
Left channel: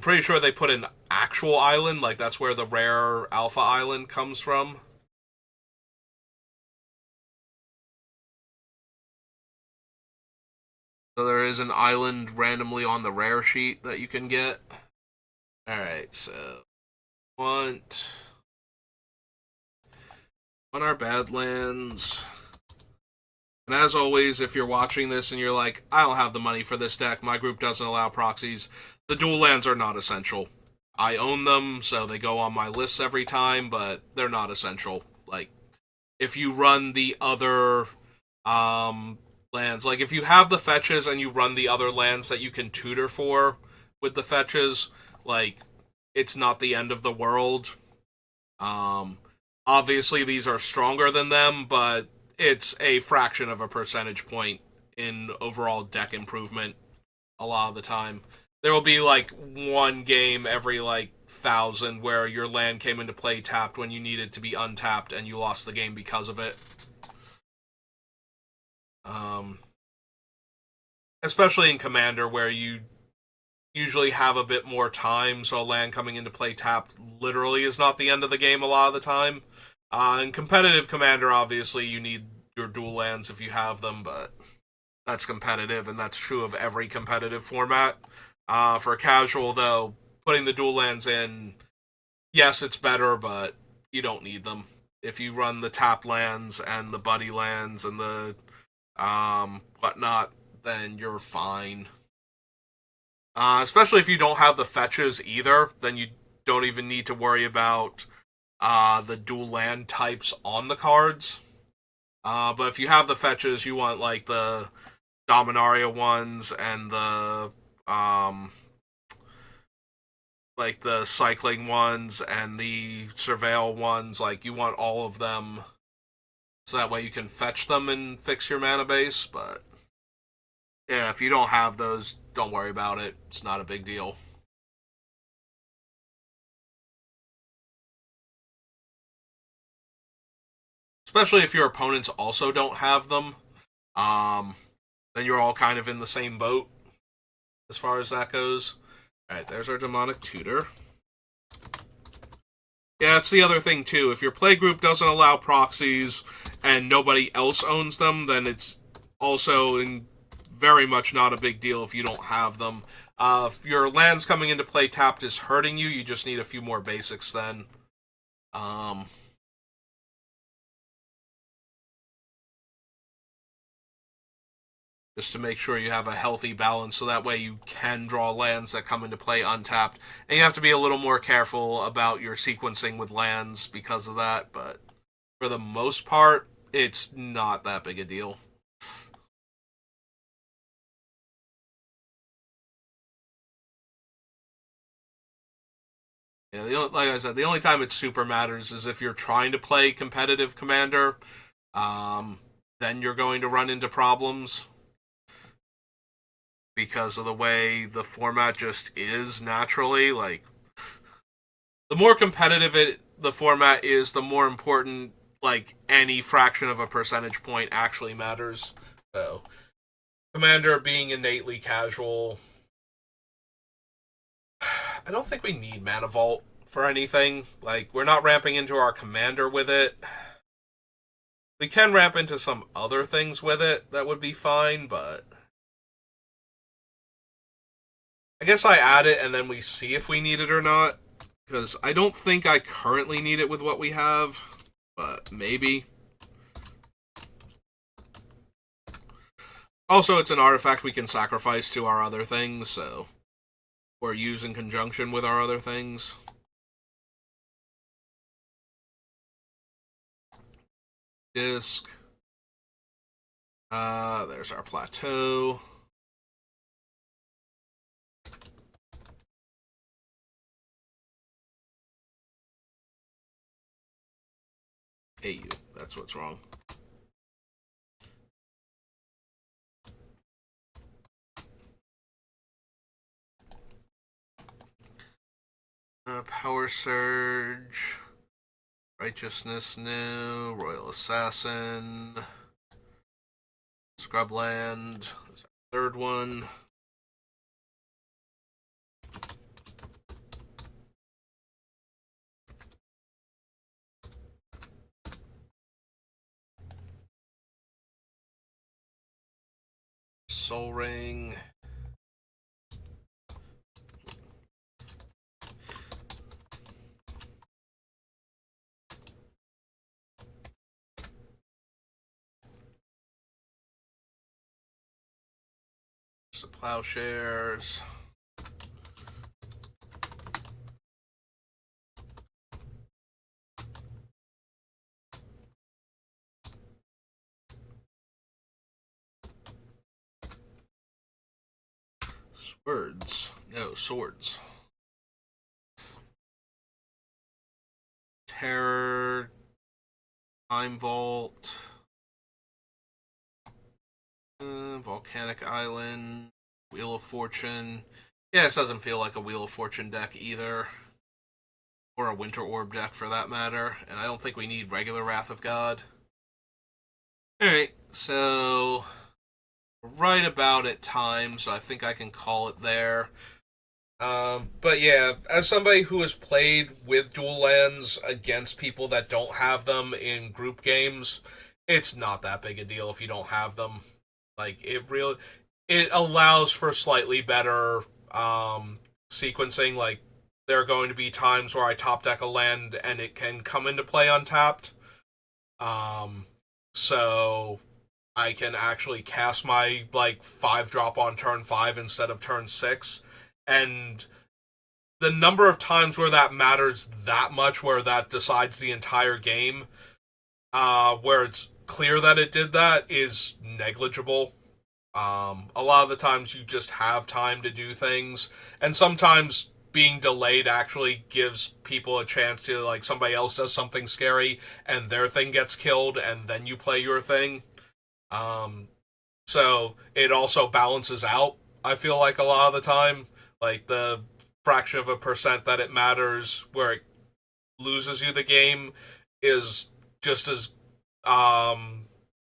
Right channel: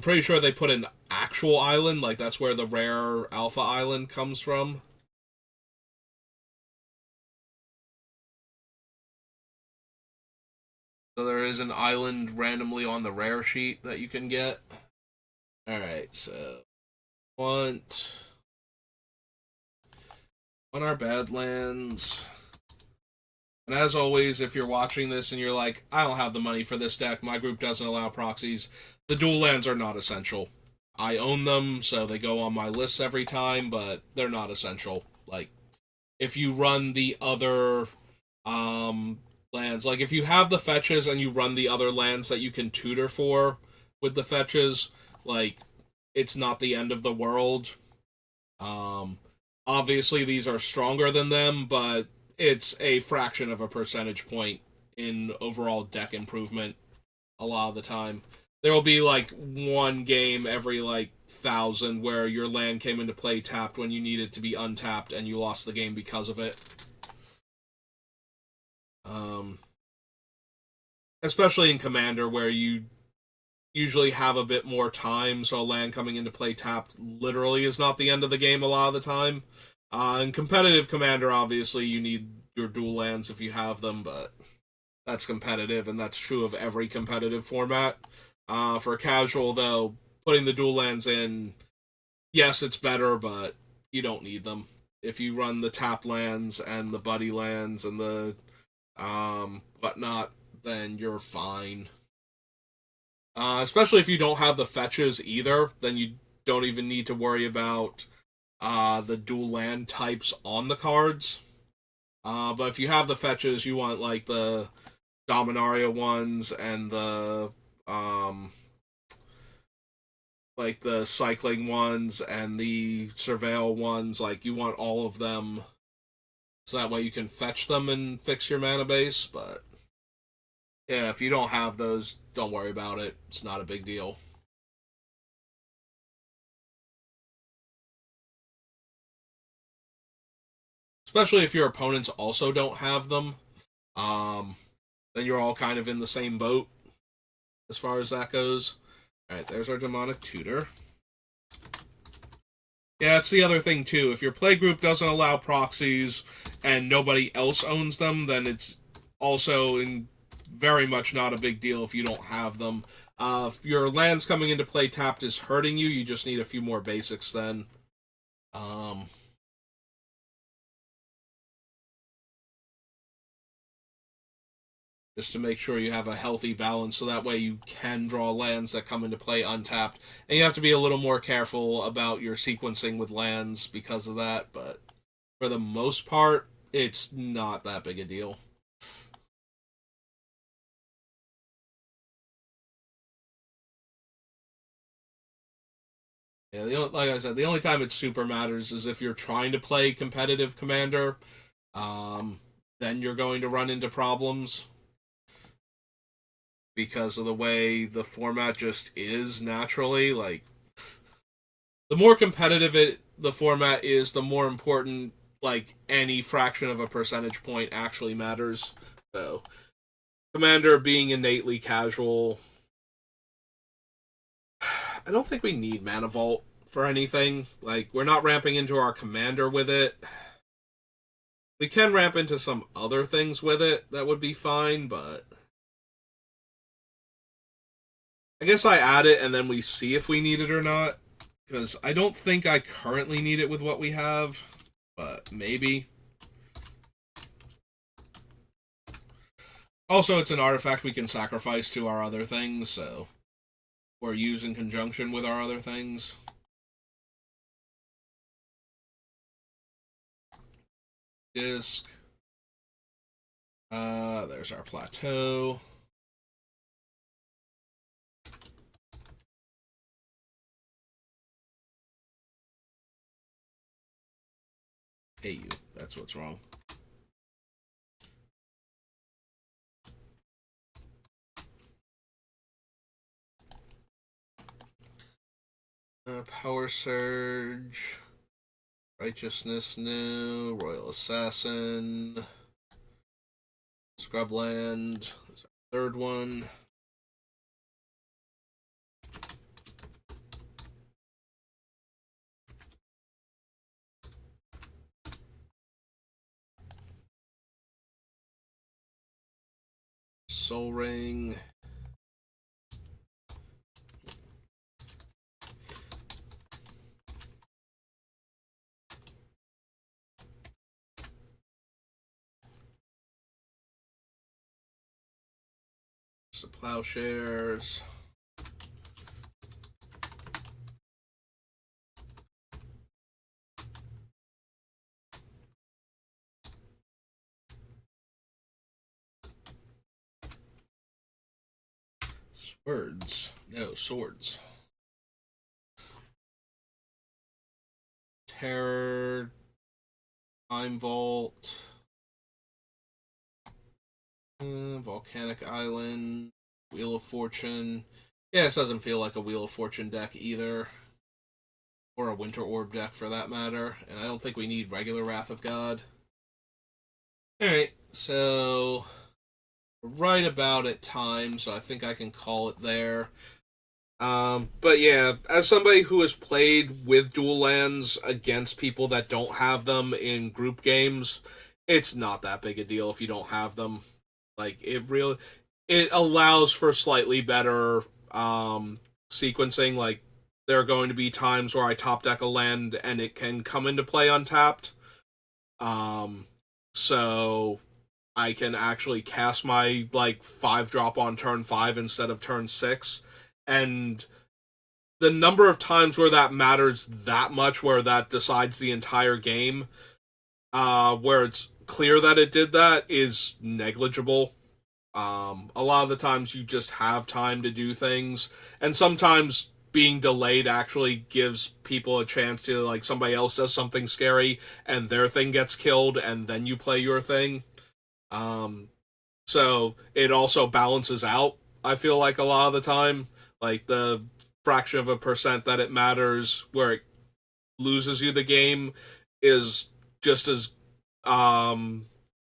pretty sure they put an actual island, like that's where the rare Alpha Island comes from. So there is an island randomly on the rare sheet that you can get. Alright, so want our Badlands. And as always, if you're watching this and you're like, I don't have the money for this deck, my group doesn't allow proxies, the dual lands are not essential. I own them, so they go on my lists every time, but they're not essential. Like, if you run the other lands, like if you have the fetches and you run the other lands that you can tutor for with the fetches, like, it's not the end of the world. Obviously, these are stronger than them, but it's a fraction of a percentage point in overall deck improvement a lot of the time. There will be like one game every like 1,000 where your land came into play tapped when you needed to be untapped and you lost the game because of it. Especially in Commander where you usually have a bit more time, so a land coming into play tapped literally is not the end of the game a lot of the time. In competitive Commander, obviously, you need your dual lands if you have them, but that's competitive, and that's true of every competitive format. For casual, though, putting the dual lands in, yes, it's better, but you don't need them. If you run the tap lands and the buddy lands and the whatnot, then you're fine. Especially if you don't have the fetches either, then you don't even need to worry about the dual land types on the cards. But if you have the fetches, you want like the Dominaria ones and the like the cycling ones and the surveil ones, like you want all of them so that way you can fetch them and fix your mana base. But yeah, if you don't have those, don't worry about it. It's not a big deal. Especially if your opponents also don't have them. Then you're all kind of in the same boat as far as that goes. Alright, there's our Demonic Tutor. Yeah, that's the other thing, too. If your playgroup doesn't allow proxies and nobody else owns them, then it's also very much not a big deal if you don't have them. If your lands coming into play tapped is hurting you, you just need a few more basics then. Just to make sure you have a healthy balance so that way you can draw lands that come into play untapped. And you have to be a little more careful about your sequencing with lands because of that, but for the most part, it's not that big a deal. Yeah, like I said, the only time it super matters is if you're trying to play competitive Commander, then you're going to run into problems because of the way the format just is naturally. Like, the more competitive the format is, the more important like any fraction of a percentage point actually matters. So, Commander being innately casual, I don't think we need Mana Vault for anything. Like, we're not ramping into our Commander with it. We can ramp into some other things with it that would be fine, but I guess I add it and then we see if we need it or not. Because I don't think I currently need it with what we have, but maybe. Also, it's an artifact we can sacrifice to our other things, so or use in conjunction with our other things. Disc. There's our plateau. AU. That's what's wrong. Power Surge. Righteousness New. Royal Assassin. Scrubland is our third one. Soul Ring. The Plowshares. Swords. No, swords. Terror. Time Vault. Volcanic Island. Wheel of Fortune. Yeah, this doesn't feel like a Wheel of Fortune deck either. Or a Winter Orb deck for that matter. And I don't think we need regular Wrath of God. Alright, so right about at time, so I think I can call it there. But yeah, as somebody who has played with dual lands against people that don't have them in group games, it's not that big a deal if you don't have them. Like it allows for slightly better sequencing. Like there are going to be times where I top deck a land and it can come into play untapped. So I can actually cast my like 5-drop on turn 5 instead of turn 6. And the number of times where that matters that much, where that decides the entire game, where it's clear that it did that, is negligible. A lot of the times you just have time to do things, and sometimes being delayed actually gives people a chance to, like, somebody else does something scary and their thing gets killed and then you play your thing. So it also balances out, I feel like, a lot of the time. Like the fraction of a percent that it matters where it loses you the game is just as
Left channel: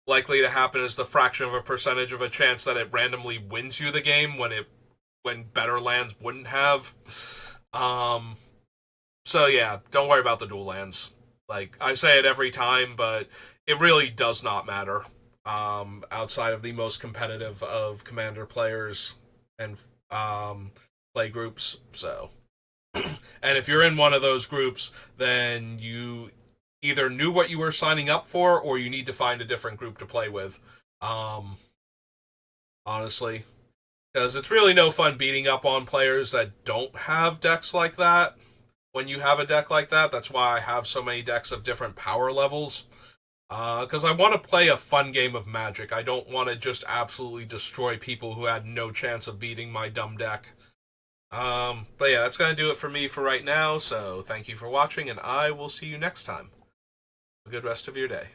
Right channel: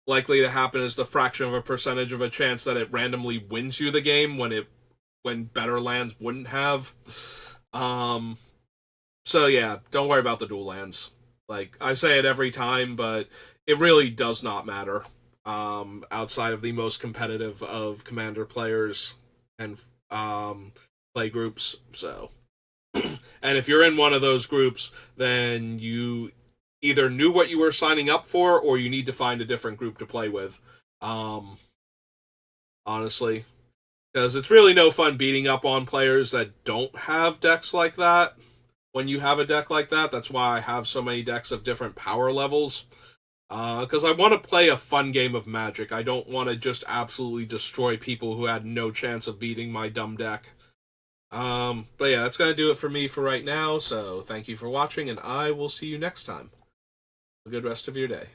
likely to happen as the fraction of a percentage of a chance that it randomly wins you the game when better lands wouldn't have. So yeah, don't worry about the dual lands. Like I say it every time, but it really does not matter. Outside of the most competitive of Commander players and play groups. So, and if you're in one of those groups, then you either knew what you were signing up for, or you need to find a different group to play with. Honestly, because it's really no fun beating up on players that don't have decks like that. When you have a deck like that, that's why I have so many decks of different power levels. Because I want to play a fun game of Magic. I don't want to just absolutely destroy people who had no chance of beating my dumb deck. But yeah, that's going to do it for me for right now. So thank you for watching, and I will see you next time. Have a good rest of your day.